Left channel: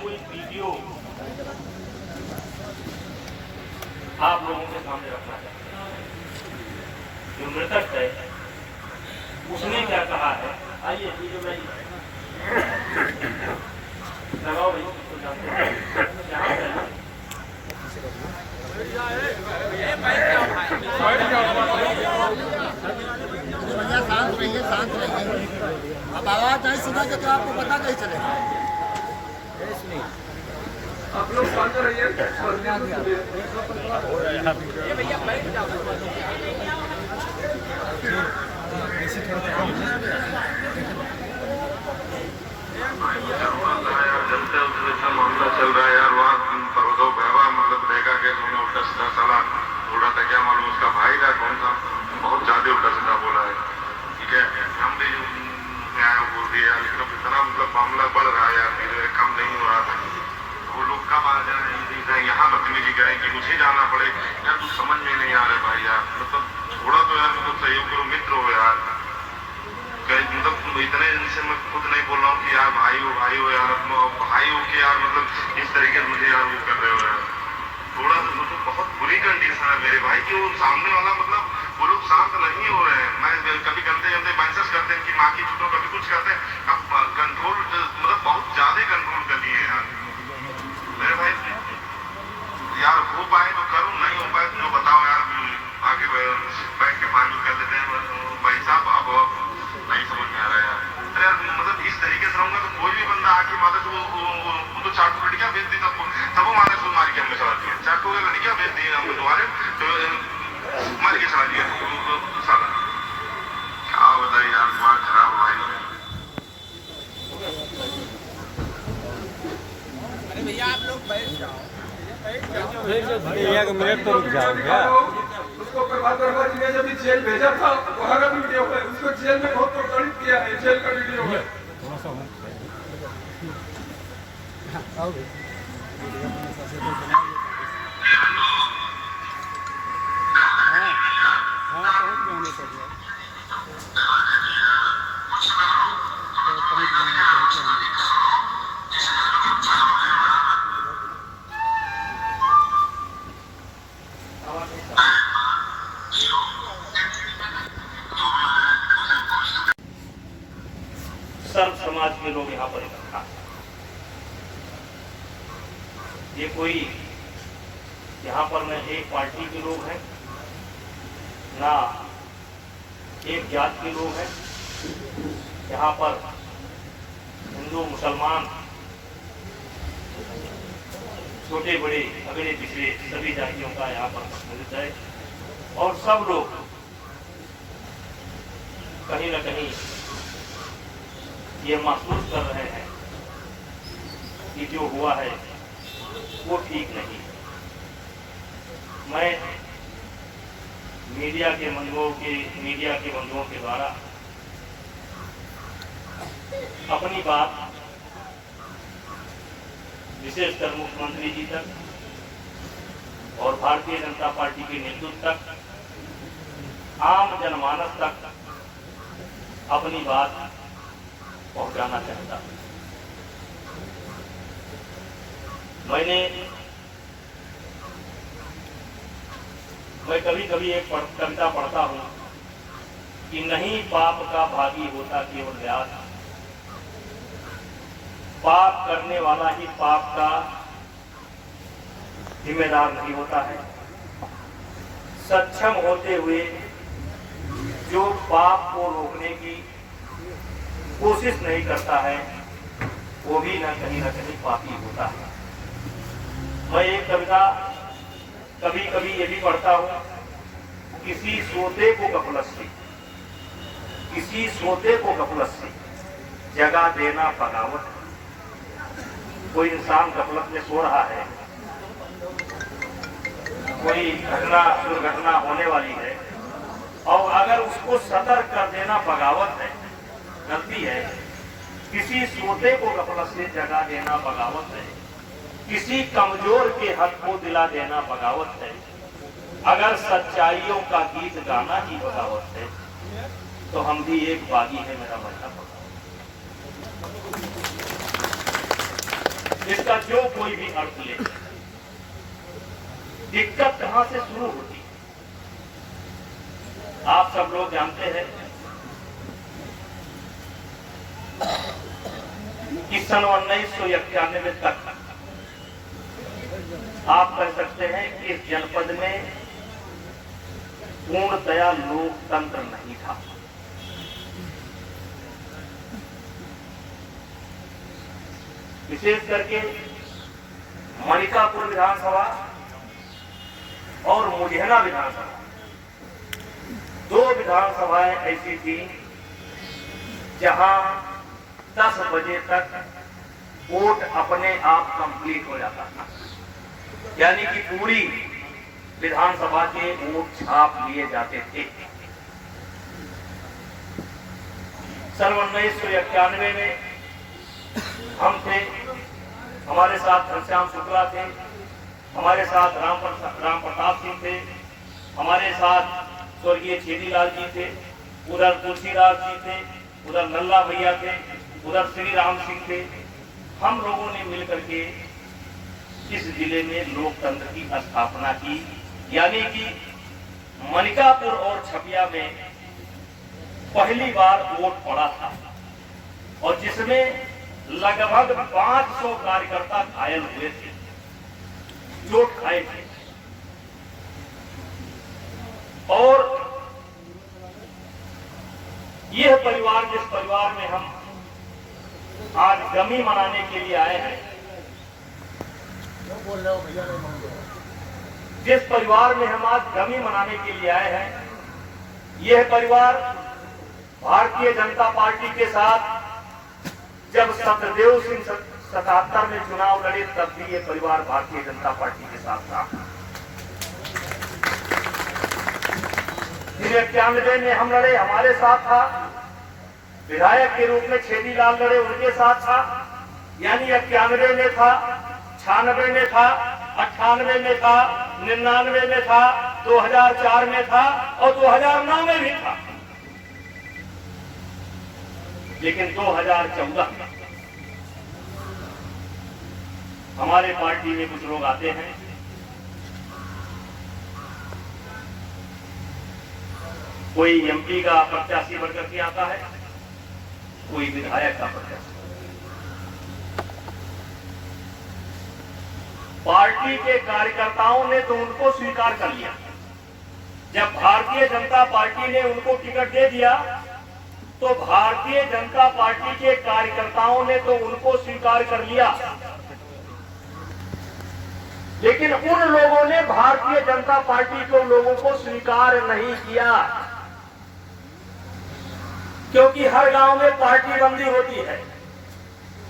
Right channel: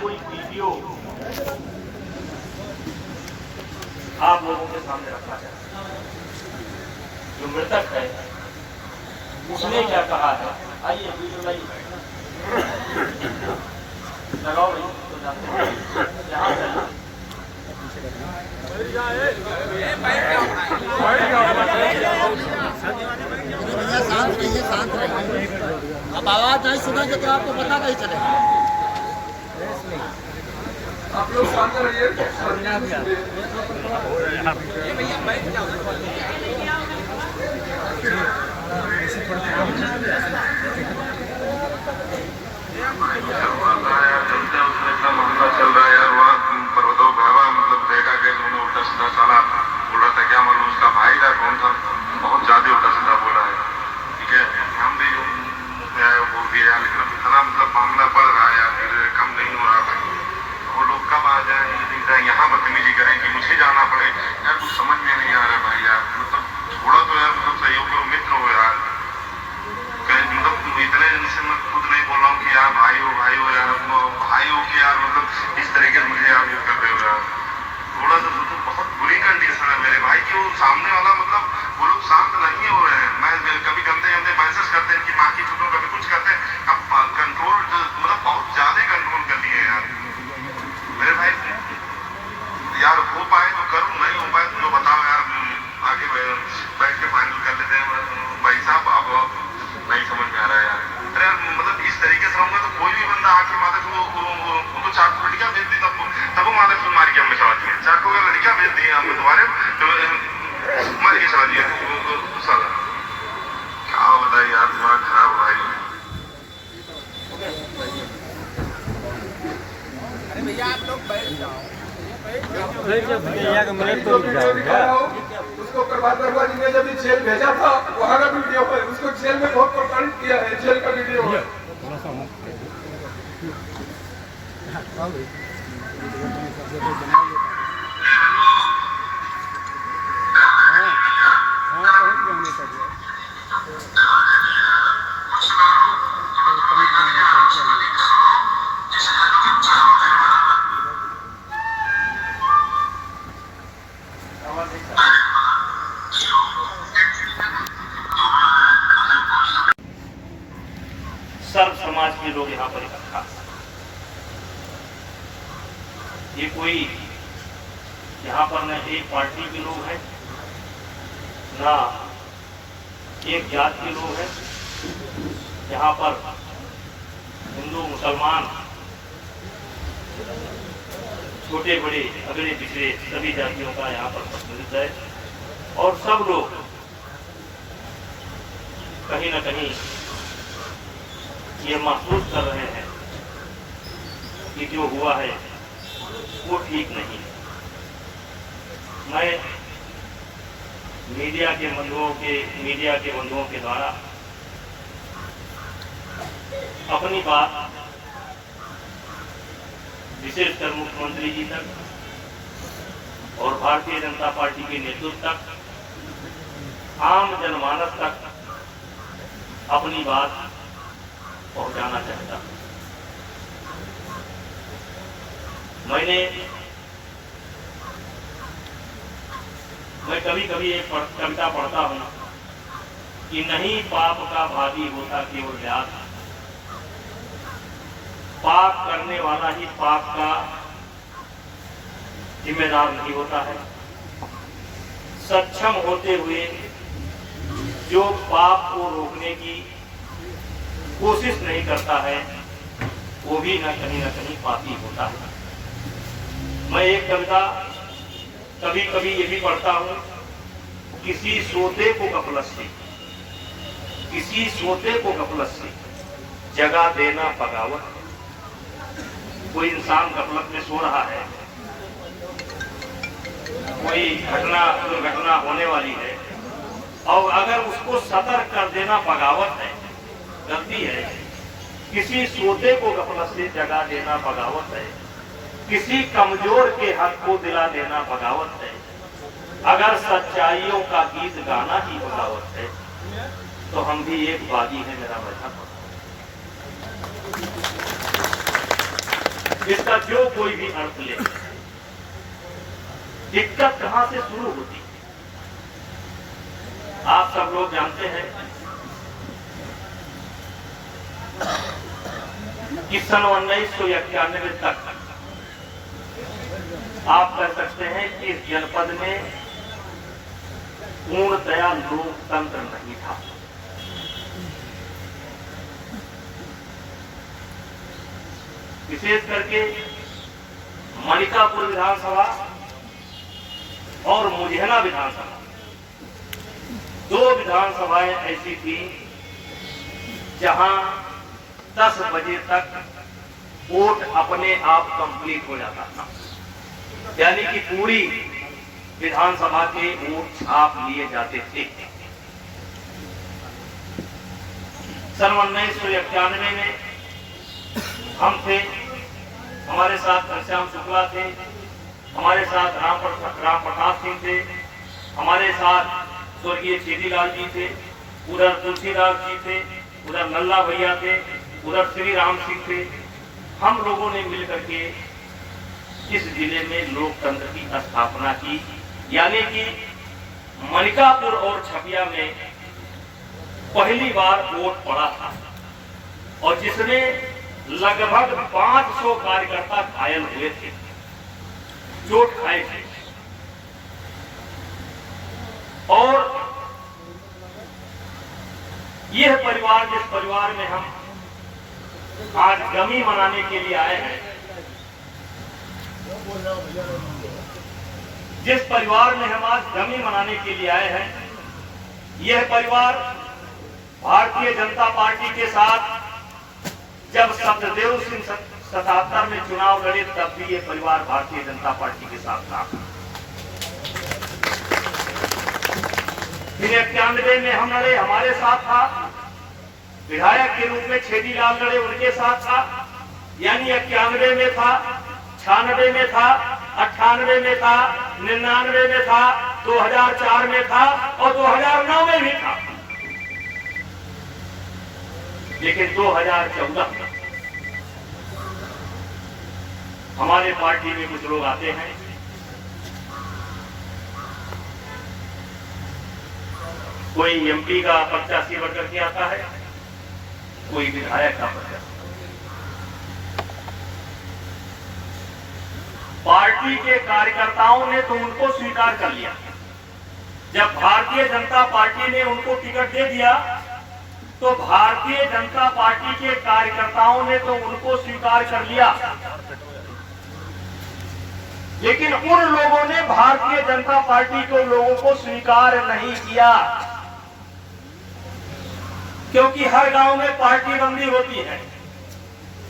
कोई वीडियो आप लोगों के सामने रखना चाहता हूं। जो मृतक है उसने क्या कहा है, आइए वीडियो लगाओ। भैया शांत रहिए, शांत रहिए। अब आवाज नहीं सुनेंगे तो आपको पता नहीं चलेगा। आप लोग शांत रहिए। भैया बैठ जाओ। मामला चल रहा है यार, वहाँ दो भरावा मतलब देखा कि उन्होंने उल्टा सीधा साला बोल रहा था, क्या मालूम उसका भाई था कौन था, बहुत ज्यादा उल्टा सीधा बोल रहा है। ठीक है, हम भी बोल दिया, लेकिन अब इतना मतलब मामला बढ़ रहा है यार, कम नहीं हो रहा था। वो लोग कब आ जाए यहाँ बदतमीजी करें कि मुझे जाना पड़े यार, कुछ समझ में नहीं आ रहा भाई यार। मतलब थोड़ा तो यार मतलब सहयोग करो, मित्र हो यार। मतलब इतने दिन से मैं खुद नहीं बोल रहा हूँ कि यार भाई हो यार, भाई हो के यार मतलब इस तरीके से मुझे यार वो कर रहे हो यार। थोड़ा सा तो बहुत बुरी कंडीशन है मेरे भाई की। वो सामने वाला मतलब वो लोग शांत नहीं हो रहे हैं। मैं कभी गंदे मैसेज करते हैं कि माँ की छुट्टो, कभी कुछ करते हैं। अब कंट्रोल मतलब बहुत ज्यादा कंट्रोल कर लिए यार मेरे भाई। यार हो पाए तो करूँ, नहीं हो पाए तो बताओ यार, आगे बैठ के फाइनल कर लेते हैं भाई साहब। अब नहीं समझ में आ रहा है यार, मतलब इस तरीके से होगा तो कोई भी बंदा आके माता वो तो चार लड़कियां भेज दी, तब वो माता फिर मारी के हमने सवाल किया, चार को लड़कियां भेज दी हमने तुम्हारे मार के सवाल दिया साला। क्या बताइए यार, दिमाग खराब हुआ है। भैया आप लोग बैठ जाओ। भैया का मिनट तो रुक जाओगा। उसको प्रभात वर्मा जी ने जब जेल भेजा था, वहाँ का वीडियो है, उसको जेल में बहुत प्रताड़ित किया है, जेल का वीडियो है। सर्व समाज के लोग यहाँ पर इकट्ठा। ये कोई यहाँ पर न एक पार्टी के लोग हैं, ना एक जात के लोग हैं। यहाँ पर हिंदू मुसलमान, छोटे बड़े अगले पिछड़े सभी जातियों का यहाँ पर सम्मिलित है। और सब लोग कहीं न कहीं ये महसूस कर रहे हैं कि जो हुआ है वो ठीक नहीं। मैं मीडिया के बंधुओं के द्वारा अपनी बात विशेषकर मुख्यमंत्री जी तक और भारतीय जनता पार्टी के नेतृत्व तक, आम जनमानस तक अपनी बात पहुंचाना चाहता हूं। मैं कभी कभी एक कविता पढ़ता हूं कि नहीं पाप का भागी होता केवल व्यास, पाप करने वाला ही पाप का जिम्मेदार नहीं होता है। सक्षम होते हुए जो पाप को रोकने की कोशिश नहीं करता है वो भी न कहीं पापी होता है। मैं एक कविता कभी कभी ये भी पढ़ता हूँ, किसी सोते को गफलत से जगा देना बगावत। कोई इंसान गफलत में सो रहा है, कोई दुर्घटना होने वाली है, और अगर उसको सतर्क कर देना बगावत है, गलती है। किसी सोते को गफलत से जगा देना बगावत है, किसी कमजोर के हक को दिला देना बगावत है। अगर सच्चाइयों का गीत गाना ही बगावत है तो हम भी एक बागी है, मेरा मजहब। इसका जो कोई भी अर्थ ले, दिक्कत कहां से शुरू होती है? आप सब लोग जानते हैं कि सन 1991 तक आप कह सकते हैं कि इस जनपद में पूर्णतया लोकतंत्र नहीं था। विशेष करके मणिकापुर विधानसभा और मुझेना विधानसभा, दो विधानसभाएं ऐसी थी जहां 10 बजे तक वोट अपने आप कंप्लीट हो जाता था, यानी कि पूरी विधानसभा के वोट छाप लिए जाते थे। सन 1991 में हम थे, हमारे साथ घनश्याम शुक्ला थे, हमारे साथ राम प्रताप सिंह थे, हमारे साथ स्वर्गीय छेदीलाल जी थे, उधर तुलसीदास जी थे, उधर नल्ला भैया थे, उधर श्री राम सिंह थे। हम लोगों ने मिलकर के इस जिले में लोकतंत्र की स्थापना की, यानी कि मणिकापुर और छपिया में पहली बार वोट पड़ा था और जिसमें लगभग 500 कार्यकर्ता घायल हुए थे, चोट खाए थे। और यह परिवार, जिस परिवार में हम आज गमी मनाने के लिए आए हैं, जिस परिवार में हम आज गमी मनाने के लिए आए हैं, यह परिवार भारतीय जनता पार्टी के साथ जब सत्यदेव सिंह 77 में चुनाव लड़े तब भी ये परिवार भारतीय जनता पार्टी के साथ था। फिर 91 में हम लड़े, हमारे साथ था। विधायक के रूप में छेदीलाल लड़े, उनके साथ था। यानी 91 में था, 96 में था, 98 में था, 99 में था, 2004 में था और 2009 में भी था। लेकिन 2014 हमारे पार्टी में कुछ लोग आते हैं, कोई एमपी का प्रत्याशी बनकर के आता है, कोई विधायक का प्रत्याशी। पार्टी के कार्यकर्ताओं ने तो उनको स्वीकार कर लिया। जब भारतीय जनता पार्टी ने उनको टिकट दे दिया तो भारतीय जनता पार्टी के कार्यकर्ताओं ने तो उनको स्वीकार कर लिया, लेकिन उन लोगों ने भारतीय जनता पार्टी को लोगों को स्वीकार नहीं किया, क्योंकि हर गांव में पार्टी बंदी होती है,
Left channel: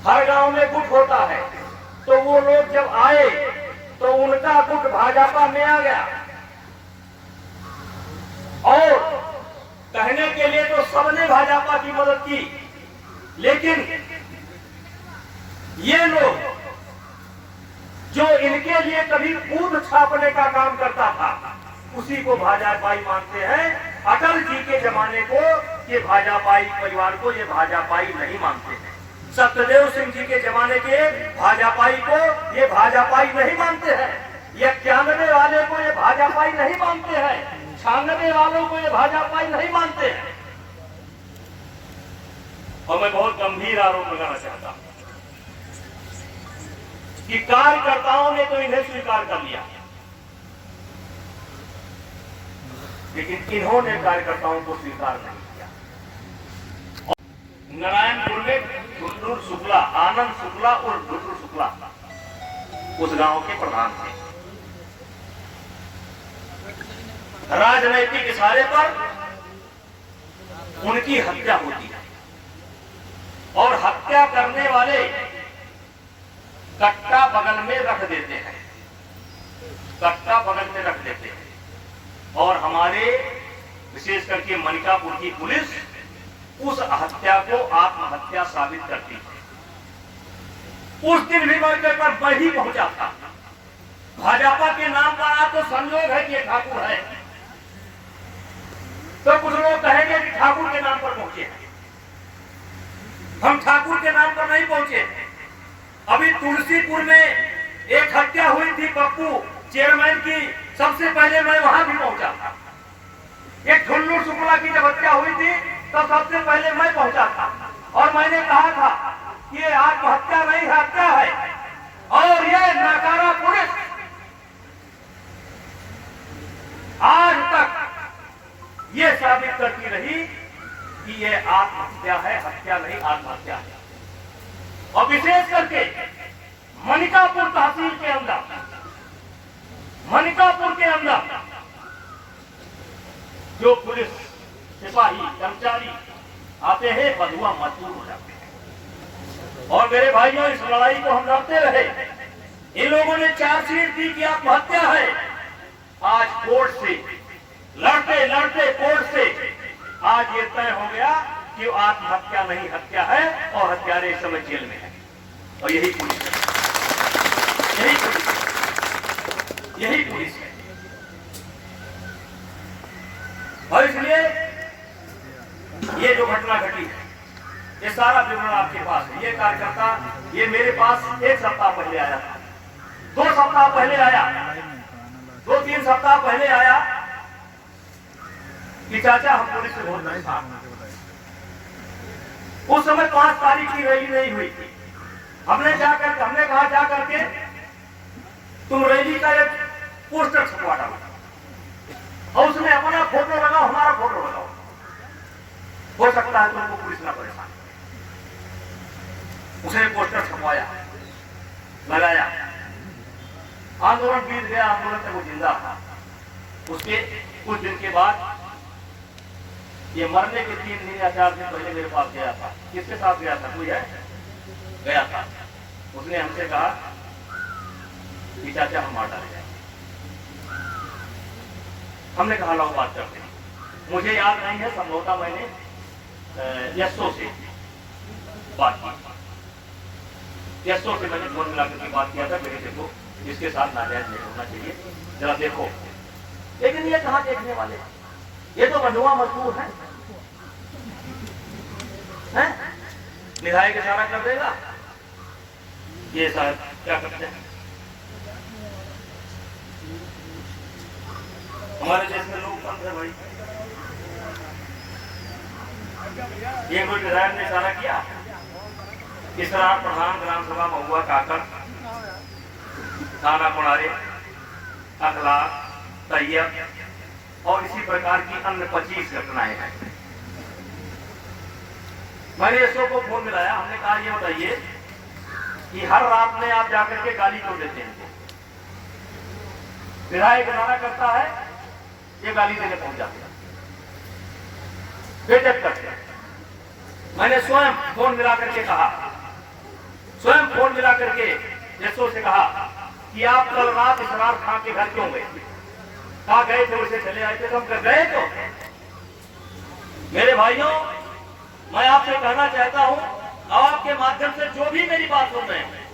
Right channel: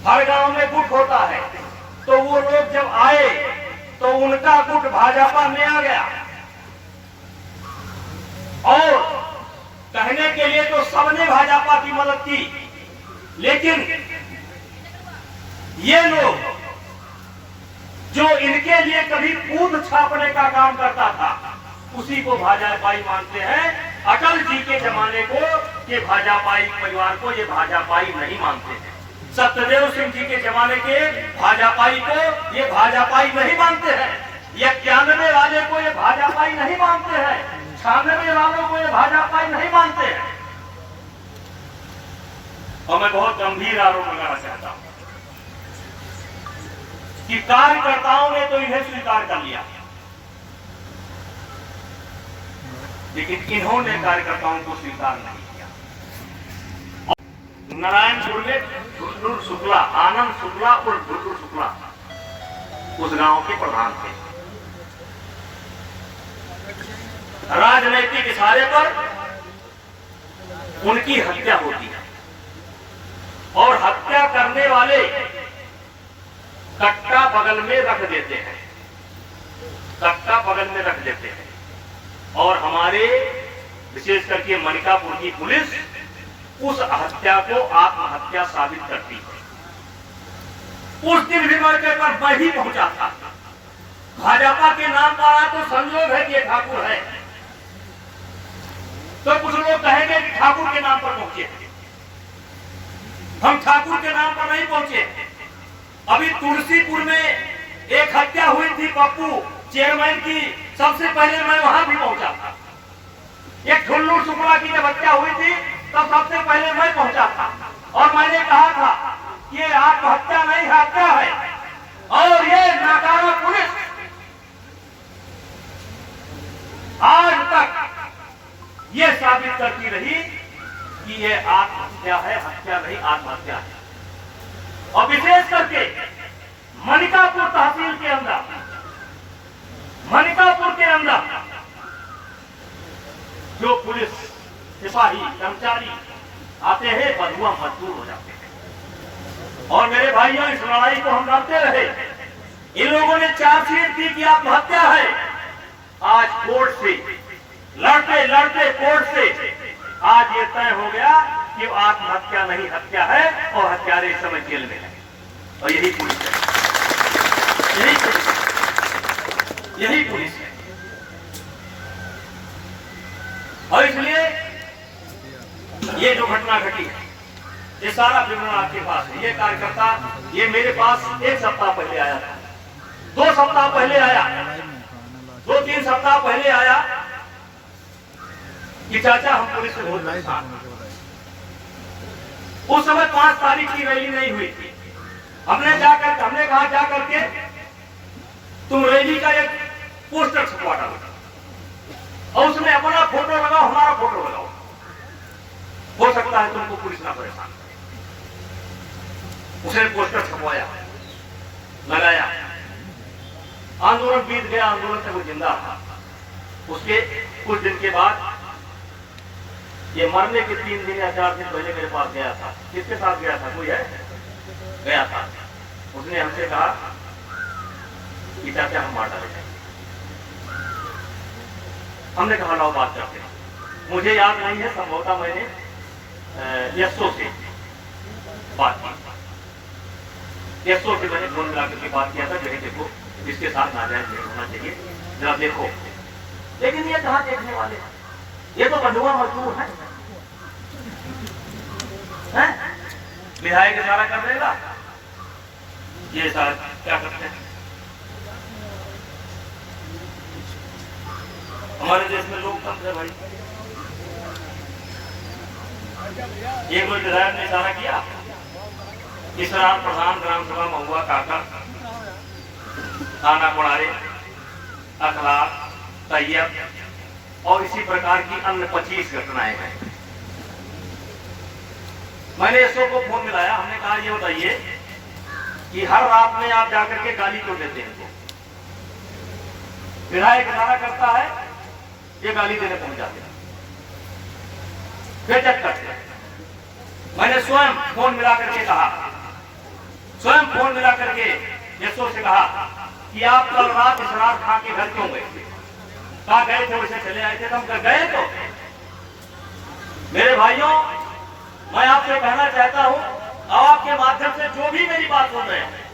हर गांव में गुट होता है। तो वो लोग जब आए तो उनका गुट भाजपा में आ गया और कहने के लिए तो सबने भाजपा की मदद की, लेकिन ये लोग जो इनके लिए कभी कूद छापने का काम करता था, उसी को भाजपाई मानते हैं। अटल जी के जमाने को ये भाजपाई परिवार को ये भाजपाई नहीं मानते हैं। सत्यदेव सिंह जी के जमाने के भाजपाई को ये भाजपाई नहीं मानते हैं। 91 वाले को ये भाजपाई नहीं मानते हैं। 96 वालों को ये भाजपाई नहीं मानते हैं। और मैं बहुत गंभीर आरोप लगाना चाहता हूं कि कार्यकर्ताओं ने तो इन्हें स्वीकार कर लिया, लेकिन इन्होंने कार्यकर्ताओं को स्वीकार नहीं किया। नारायणपुर में ढुलढुल शुक्ला, आनंद शुक्ला और ढुलढुल शुक्ला उस गांव के प्रधान थे। राजनैतिक इशारे पर उनकी हत्या होती है और हत्या करने वाले कट्टा बगल में रख देते हैं, कट्टा बगल में रख देते हैं। और हमारे विशेष करके मणिकापुर की पुलिस उस हत्या को आत्महत्या साबित करती है। उस दिन भी मौके पर मैं ही पहुंचा था। भाजपा के नाम पर आया तो संयोग है कि ठाकुर है, तो कुछ लोग कहेंगे कि ठाकुर के नाम पर पहुंचे। हम ठाकुर के नाम पर नहीं पहुंचे, अभी तुलसीपुर में एक हत्या हुई थी पप्पू चेयरमैन की, सबसे पहले मैं वहां भी पहुंचा था। एक ठुल्लू शुक्ला की जब हत्या हुई थी तो सबसे पहले मैं पहुंचा था और मैंने कहा था कि ये आत्महत्या नहीं हत्या है, और ये नाकारा पुलिस आज तक ये साबित करती रही कि ये आत्महत्या है, हत्या नहीं आत्महत्या है। और विशेष करके मनिकापुर तहसील के अंदर, मनिकापुर के अंदर जो पुलिस सिपाही कर्मचारी आते हैं बंधुआ मजबूर हो जाते हैं। और मेरे भाइयों, इस लड़ाई को हम लड़ते रहे। इन लोगों ने चार्जशीट दी कि आत्महत्या है। आज कोर्ट से लड़ते लड़ते कोर्ट से आज ये तय हो गया कि आत्महत्या नहीं हत्या है और हत्यारे इस समय जेल में है। और यही पुलिस है, यही पुलिस है, यही पुलिस है। और इसलिए ये जो घटना घटी है, ये सारा विवरण आपके पास है। ये कार्यकर्ता ये मेरे पास एक सप्ताह पहले आया था, 2 सप्ताह पहले आया, 2-3 सप्ताह पहले आया कि चाचा हम पुलिस से बहुत परेशान हैं। उस समय 5 तारीख की रैली नहीं हुई थी। हमने कहा जा करके तुम रैली का एक पोस्टर छपवा डालो और उसमें अपना फोटो लगाओ, हमारा फोटो लगाओ, हो सकता है तुमको पुलिस ना परेशान। उसने पोस्टर छपवाया, लगाया, आंदोलन बीत गया, आंदोलन तक वो जिंदा था। उसके कुछ दिन के बाद ये मरने के 3 दिन या 4 दिन पहले मेरे पास गया था। किसके साथ गया था? कोई है? गया था। उसने हमसे कहा कि चाचा हम मार डाले जाएंगे। हमने कहा लाओ बात करते हैं। मुझे याद नहीं है, संभवतः मैंने यशो से बात की, यशो से मैंने फोन मिला करके बात किया था कि देखो इसके साथ नारायण नहीं होना चाहिए, जरा देखो। लेकिन ये कहाँ देखने वाले हैं? ये तो बंधुआ मजदूर है, विधायक इशारा कर देगा, ये सारा क्या करते हैं? हमारे देश में लोकतंत्र है भाई। ये कोई विधायक ने इशारा किया, इस दौरान प्रधान ग्राम सभा महुआ काका, थाना कुड़ारे, अखलाक, तैयब और इसी प्रकार की अन्य 25 घटनाएं हैं। मैंने इसको को फोन मिलाया, हमने कहा ये बताइए कि हर रात में आप जाकर के गाली क्यों देते हैं? विधायक इशारा करता है, ये गाली देने पहुंच जाते हैं, बेइज्जत करते हैं। मैंने स्वयं फोन मिला करके कहा, स्वयं फोन मिला करके यशो से कहा कि आप कल रात इसरार खां के घर क्यों गए? कहा गए थे, उसे चले आए थे, तो हम गए। तो मेरे भाइयों, मैं आपसे कहना चाहता हूं, आपके माध्यम से जो भी मेरी बात सुन रहे हैं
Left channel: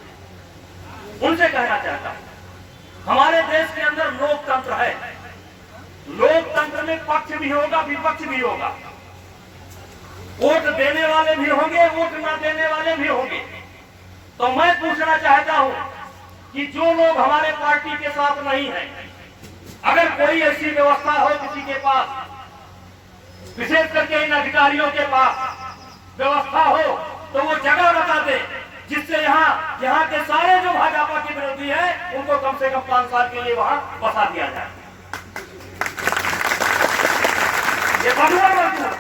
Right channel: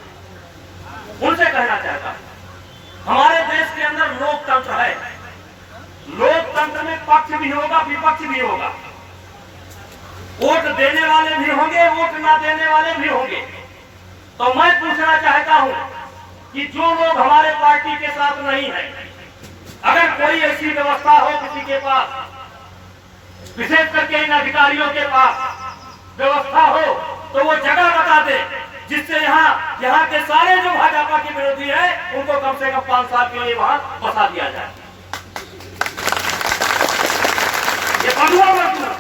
उनसे कहना चाहता हूं, हमारे देश के अंदर लोकतंत्र है। लोकतंत्र में पक्ष भी होगा, विपक्ष भी होगा, वोट देने वाले भी होंगे, वोट ना देने वाले भी होंगे। तो मैं पूछना चाहता हूं कि जो लोग हमारे पार्टी के साथ नहीं है, अगर कोई ऐसी व्यवस्था हो किसी के पास, विशेष करके इन अधिकारियों के पास व्यवस्था हो, तो वो जगह बता दे जिससे यहाँ के सारे जो भाजपा के विरोधी हैं उनको कम से कम 5 साल के लिए वहां बसा दिया जाए। ये बंधुआ मजदूर,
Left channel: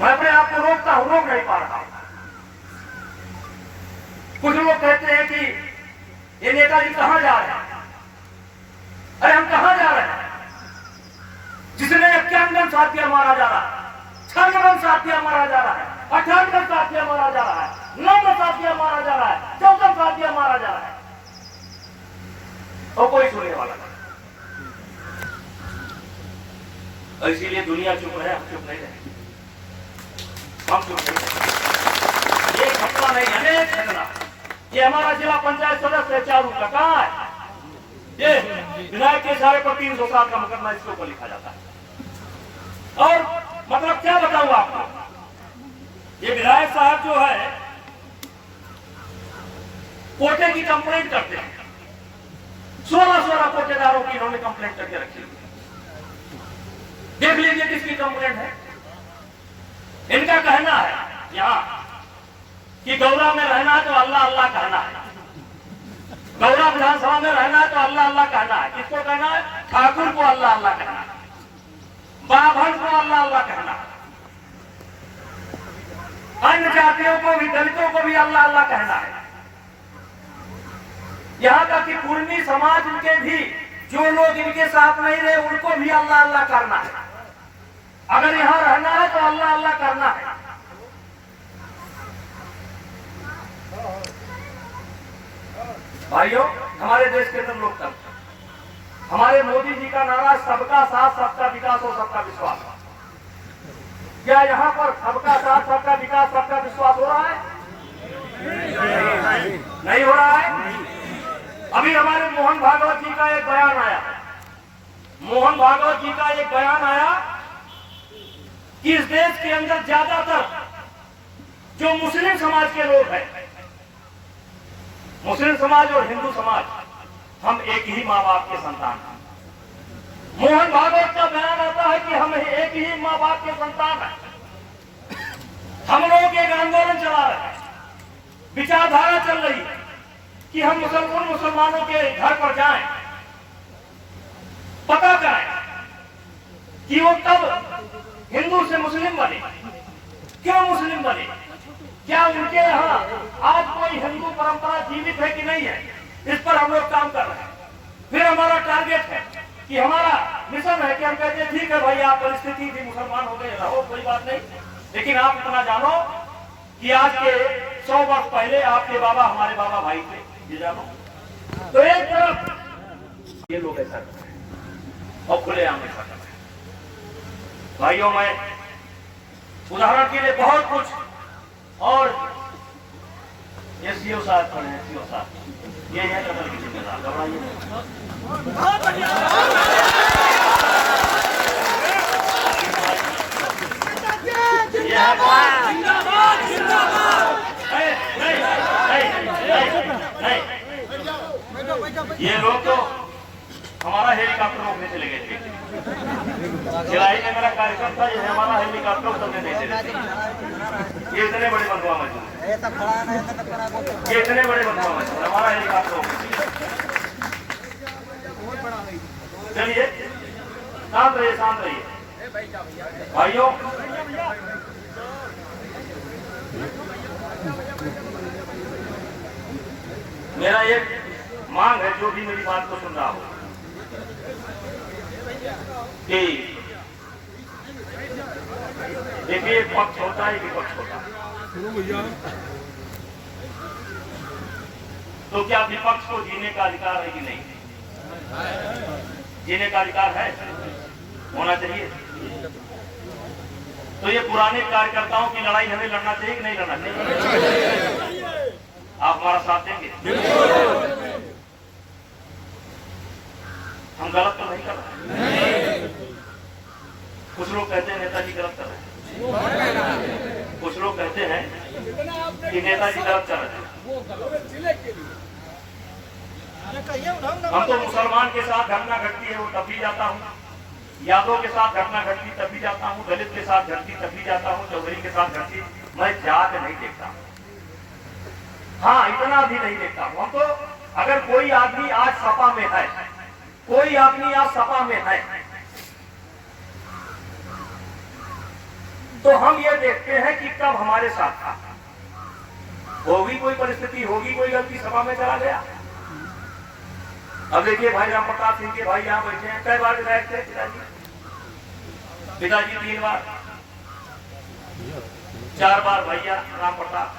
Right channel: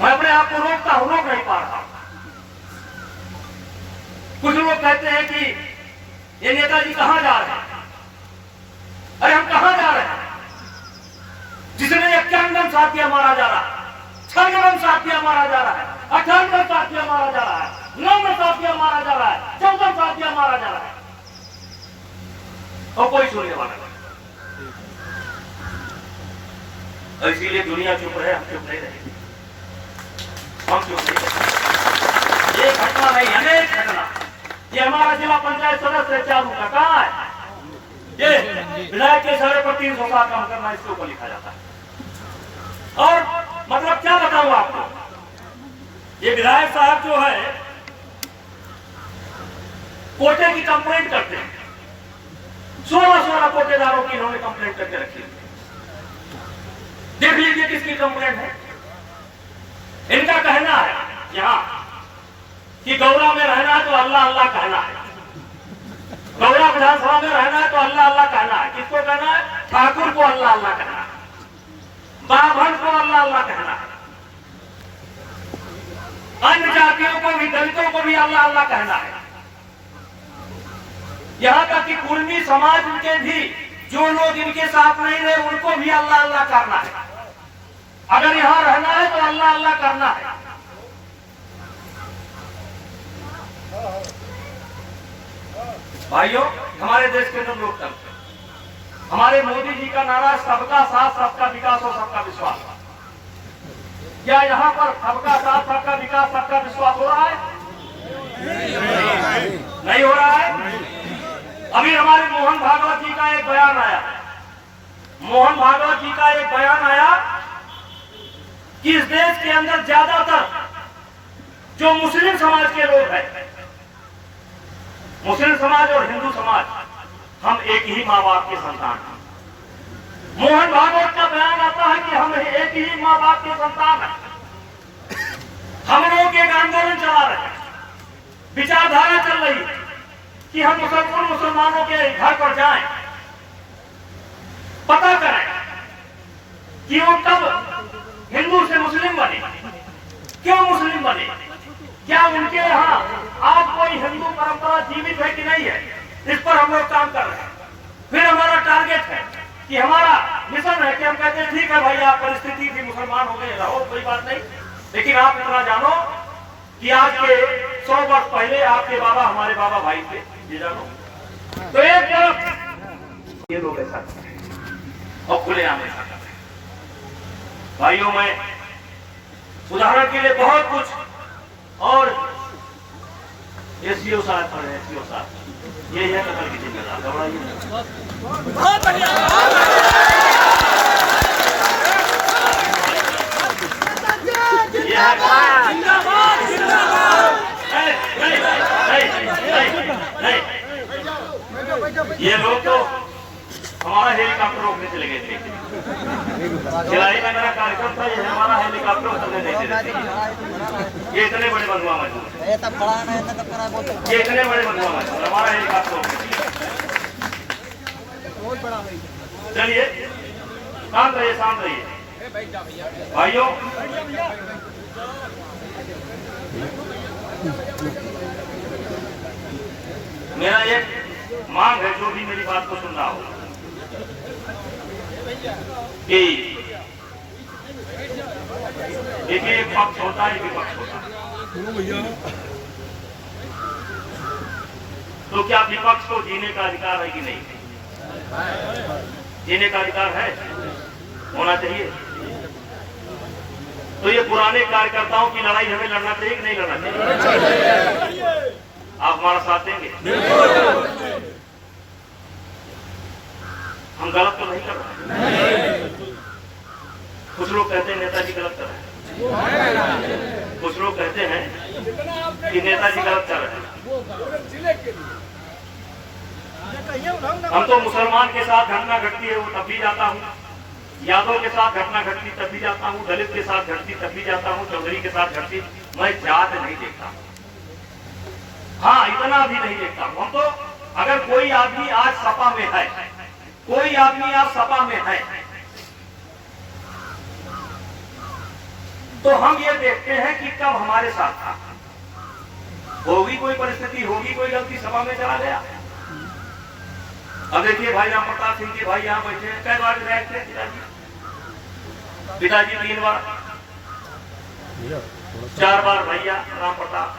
मैं अपने आप को रोकता हूं, रोक नहीं पा रहा। कुछ लोग कहते हैं कि ये नेताजी कहां जा रहे हैं? अरे हम कहां जा रहे हैं? जिसमें 51 साथिया मारा जा रहा है, 56 साथिया मारा जा रहा है, 58 साथिया मारा जा रहा है, 9 साथिया मारा जा रहा है, 14 साथिया मारा जा रहा है, और कोई सुनने वाला नहीं। और इसीलिए दुनिया चुप है, हम चुप नहीं रहेंगे, हम चुप नहीं रहेंगे। ये घटना नहीं, अनेक घटना। ये हमारा जिला पंचायत सदस्य 4 का कहाँ है? ये विधायक के इशारे पर 307 का मुकदमा इसके ऊपर लिखा जाता है। और मतलब क्या बताऊं आपको, ये विधायक साहब जो है कोटे की कंप्लेंट करते हैं, 16 कोटेदारों की इन्होंने कंप्लेंट करके रखी है। देख लीजिए किसकी कंप्लेंट है। इनका कहना है यहां कि गौरा में रहना है तो अल्लाह अल्लाह कहना है, गौरा विधानसभा में रहना है तो अल्लाह अल्लाह कहना है। किसको कहना है? ठाकुर को अल्लाह अल्लाह कहना है, ब्राह्मण को अल्लाह अल्लाह कहना है, अन्य जातियों को भी, दलितों को भी अल्लाह अल्लाह कहना है। यहां तक कि कुर्मी समाज के भी जो लोग इनके साथ नहीं रहे उनको भी अल्लाह अल्लाह करना है। अगर यहां रहना है तो अल्लाह अल्लाह करना है। भाइयों, हमारे देश के अंदर लोकतंत्र, हमारे मोदी जी का नारा सबका साथ, सबका विकास और सबका विश्वास। क्या यहाँ पर सबका साथ, सबका विकास, सबका विश्वास हो रहा है? नहीं हो रहा है। अभी हमारे मोहन भागवत जी का एक बयान आया, मोहन भागवत जी का एक बयान आया कि इस देश के अंदर ज्यादातर जो मुस्लिम समाज के लोग हैं, मुस्लिम समाज और हिंदू समाज, हम एक ही माँ बाप के संतान हैं। मोहन भागवत का बयान आता है कि हम एक ही माँ बाप के संतान हैं। हम लोग एक आंदोलन चला रहे हैं, विचारधारा चल रही है कि हम मुसलमानों के घर पर जाएं, पता करें कि वो कब हिंदू से मुस्लिम बने, क्यों मुस्लिम बने, क्या उनके यहाँ आज कोई हिंदू परंपरा जीवित है कि नहीं है। इस पर हम लोग काम कर रहे हैं। फिर हमारा टारगेट है कि हमारा मिशन है कि हम कहते हैं ठीक है भैया, परिस्थिति थी, मुसलमान हो गए, रहो, कोई बात नहीं, लेकिन आप इतना जानो कि आज के 100 वर्ष पहले आपके बाबा हमारे बाबा भाई थे, ये जानो। तो एक तरफ ये लोग ऐसा करते हैं और खुले आने का करते हैं। भाइयों, मैं उदाहरण के लिए बहुत कुछ, और ये सीओ साहब पढ़े हैं, सीओ साहब ये है कदर की जिम्मेदार, घबराइए बहुत बढ़िया। ये लोग तो हमारा हेलीकॉप्टर रोकने चले गए थे, जिलाई में मेरा कार्यक्रम था, ये हमारा हेलीकॉप्टर उतरने नहीं चले थे। ये इतने बड़े बंधुआ मजदूर, ये इतने बड़े बंधुआ मजदूर, हमारा हेलीकॉप्टर। चलिए शांत रहिए, शांत रहिए भाइयों। मेरा एक मांग है, जो भी मेरी बात को सुन रहा हो, कि देखिए एक पक्ष होता है, विपक्ष होता है। तो क्या विपक्ष को जीने का अधिकार है कि नहीं? जीने का अधिकार है, होना चाहिए। तो ये पुराने कार्यकर्ताओं की लड़ाई हमें लड़ना चाहिए कि नहीं लड़ना चाहिए? आप हमारा साथ देंगे? हम गलत तो नहीं कर रहे। कुछ लोग कहते हैं नेताजी गलत कर रहे हैं, कुछ लोग कहते हैं कि नेताजी गलत कर रहे हैं। हम तो मुसलमान के साथ घटना घटती है वो तब भी जाता हूँ, यादव के साथ घटना घटती तब भी जाता हूँ, दलित के साथ घटती तब भी जाता हूँ, चौधरी के साथ घटती, मैं जात नहीं देखता। हाँ, इतना भी नहीं देखता। हम तो अगर कोई आदमी आज सपा में है, कोई आदमी आज सपा में है, तो हम ये देखते हैं कि कब हमारे साथ था, होगी कोई परिस्थिति, होगी कोई गलती, सपा में चला गया। अब देखिए भाई राम प्रताप सिंह के भाई यहाँ बैठे हैं, कई बार विधायक थे पिताजी 3 बार, 4 बार भैया राम प्रताप,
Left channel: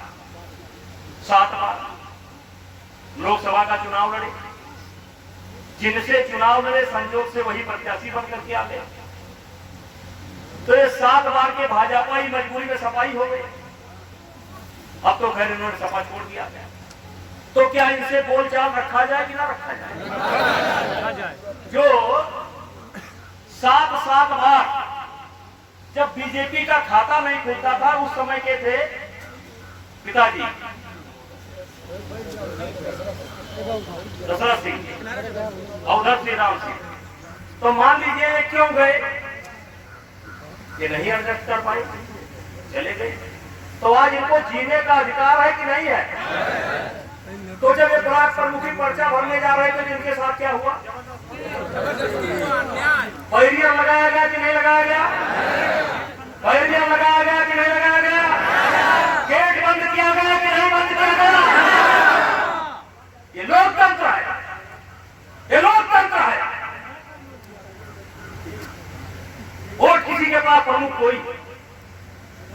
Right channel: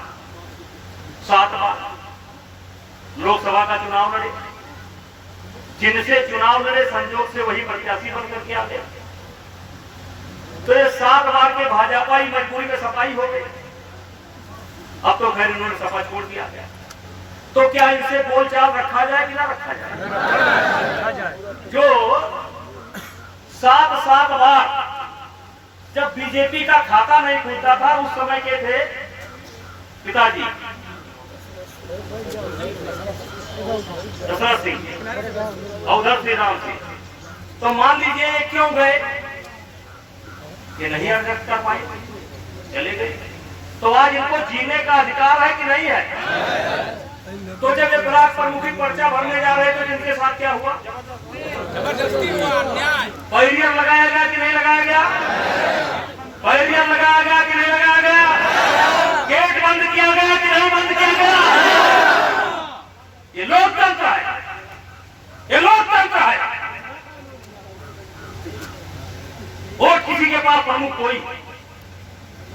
7 बार लोकसभा का चुनाव लड़े, जिनसे चुनाव लड़े संजोग से वही प्रत्याशी बन करके आ गया। तो ये 7 बार के भाजपा ही मजबूरी में सफाई हो गई। अब तो खैर इन्होंने सफा छोड़ दिया गया। तो क्या इनसे बोलचाल रखा जाए कि ना रखा जाए? जो 7 बार जब बीजेपी का खाता नहीं खुलता था, उस समय के थे पिताजी दशरथ सिंह और उधर श्री राम सिंह। तो मान लीजिए ये क्यों गए, ये नहीं एडजस्ट कर पाए, चले गए। तो आज इनको जीने का अधिकार है कि नहीं है? तो जब ये ब्लॉक प्रमुखी पर्चा भरने जा रहे थे, जिनके साथ क्या हुआ? जबरदस्ती हुआ, अन्याय। बैरियर लगाया गया कि नहीं लगाया गया? बैरियर लगाया गया कि नहीं लगाया गया? गेट बंद किया गया कि नहीं बंद किया गया? ये लोकतंत्र है, ये लोकतंत्र है। वोट किसी के पास प्रमुख कोई,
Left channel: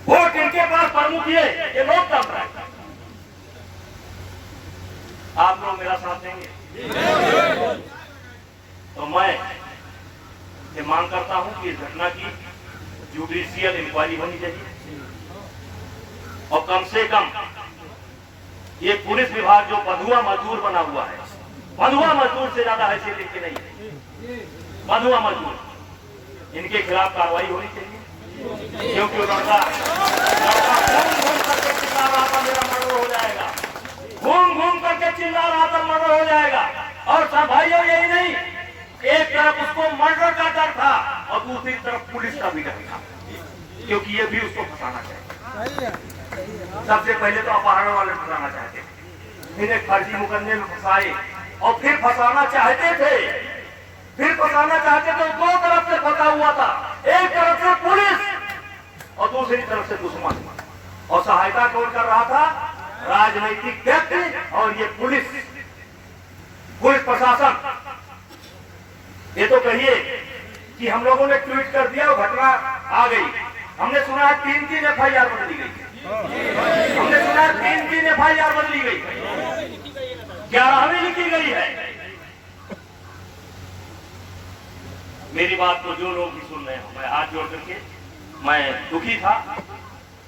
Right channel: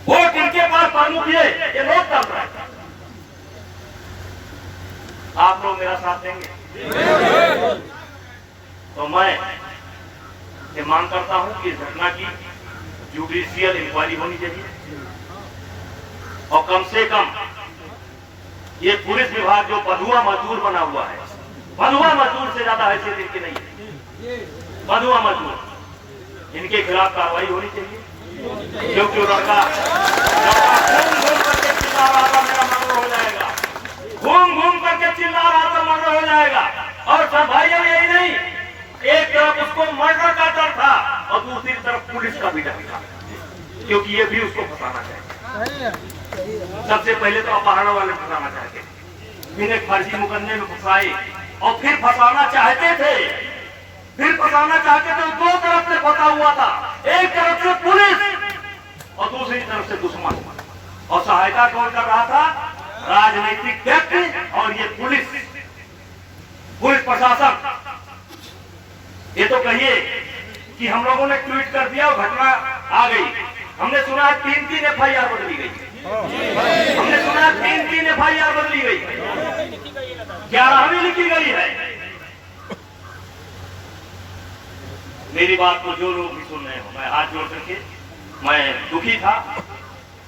वोट इनके पास प्रमुख ये लोकतंत्र है। आप लोग मेरा साथ देंगे? तो मैं ये मांग करता हूं कि इस घटना की जुडिशियल इंक्वायरी होनी चाहिए और कम से कम ये पुलिस विभाग जो बंधुआ मजदूर बना हुआ है, बंधुआ मजदूर से ज्यादा हैसियत इनकी नहीं है, बंधुआ मजदूर, इनके खिलाफ कार्रवाई होनी चाहिए। क्योंकि वो लड़का घूम करके चिल्ला रहा था मेरा मर्डर हो जाएगा, घूम करके चिल्ला रहा था मर्डर हो जाएगा। और सब भाइयों यही नहीं, एक तरफ उसको मर्डर का डर था और दूसरी तरफ पुलिस का भी डर था, क्योंकि ये भी उसको फंसाना चाहते। सबसे पहले तो अपहरण वाले फंसाना चाहते थे, फिर एक फर्जी मुकदमे में फंसाए और फिर फंसाना चाहते थे, फिर फंसाना चाहते थे। दो तरफ से फंसा हुआ था, एक तरफ से पुलिस और दूसरी तरफ से दुश्मन। और सहायता कौन कर रहा था? राजनीतिक व्यक्ति और ये पुलिस प्रशासन। ये तो कहिए कि हम लोगों ने ट्वीट कर दिया और घटना आ गई। हमने सुना 3-3 FIR बदली गई, हमने सुना 3-3 FIR बदली गई, 11वीं लिखी गई है। मेरी बात को जो लोग भी सुन रहे हो, मैं हाथ जोड़ करके, मैं दुखी था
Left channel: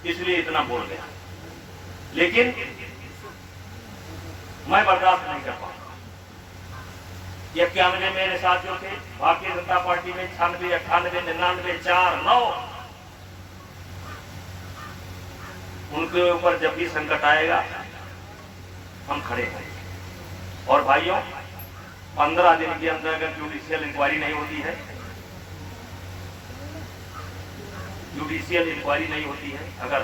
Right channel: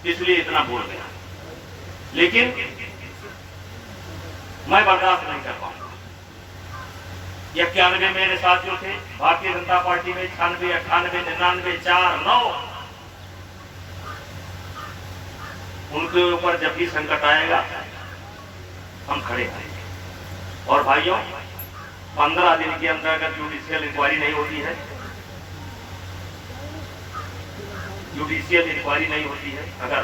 इसलिए इतना बोल गया, लेकिन मैं बर्दाश्त नहीं कर पाऊंगा। 91 मेरे साथियों थे भारतीय जनता पार्टी में, 96, 98, 99, 4, 9, उनके ऊपर जब भी संकट आएगा हम खड़े हैं। और भाइयों, 15 दिन के अंदर अगर जुडिशियल इंक्वायरी नहीं होती है, जुडिशियल इंक्वायरी नहीं होती है अगर,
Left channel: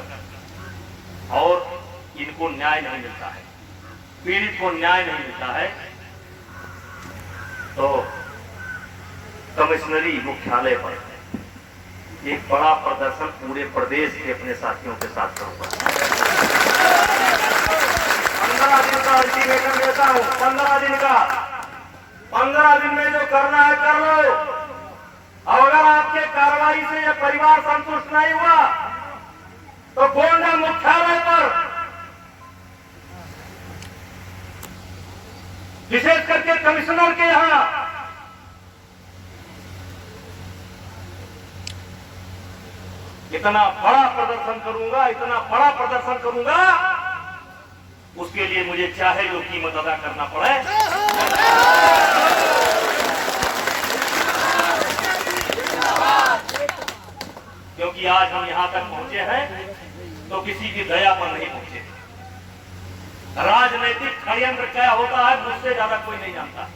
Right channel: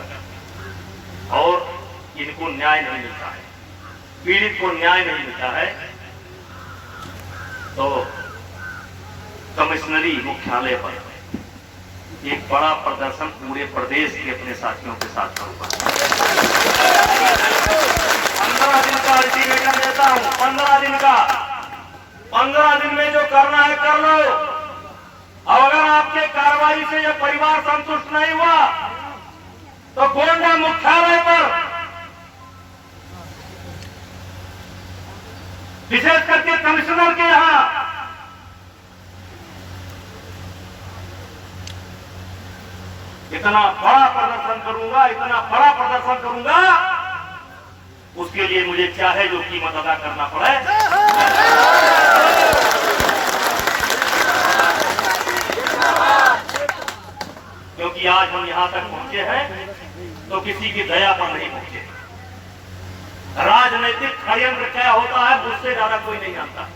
और इनको न्याय नहीं मिलता है, पीड़ित को न्याय नहीं मिलता है, तो कमिश्नरी मुख्यालय पर एक बड़ा प्रदर्शन पूरे प्रदेश के अपने साथियों के साथ करूंगा। 15 दिन का अल्टीमेटम देता हूं, 15 दिन का। 15 दिन में जो करना है कर लो। और अगर आपके कार्रवाई से यह परिवार संतुष्ट नहीं हुआ तो गोंडा मुख्यालय पर, विशेष करके कमिश्नर के यहां इतना बड़ा प्रदर्शन करूंगा, इतना बड़ा प्रदर्शन करूंगा, उसके लिए मुझे चाहे जो कीमत अदा करना पड़े। क्योंकि आज हम यहां तक पहुंचे हैं तो किसी की दया पर नहीं पहुंचे। राजनीतिक षड्यंत्र क्या होता है मुझसे ज्यादा कोई नहीं जानता।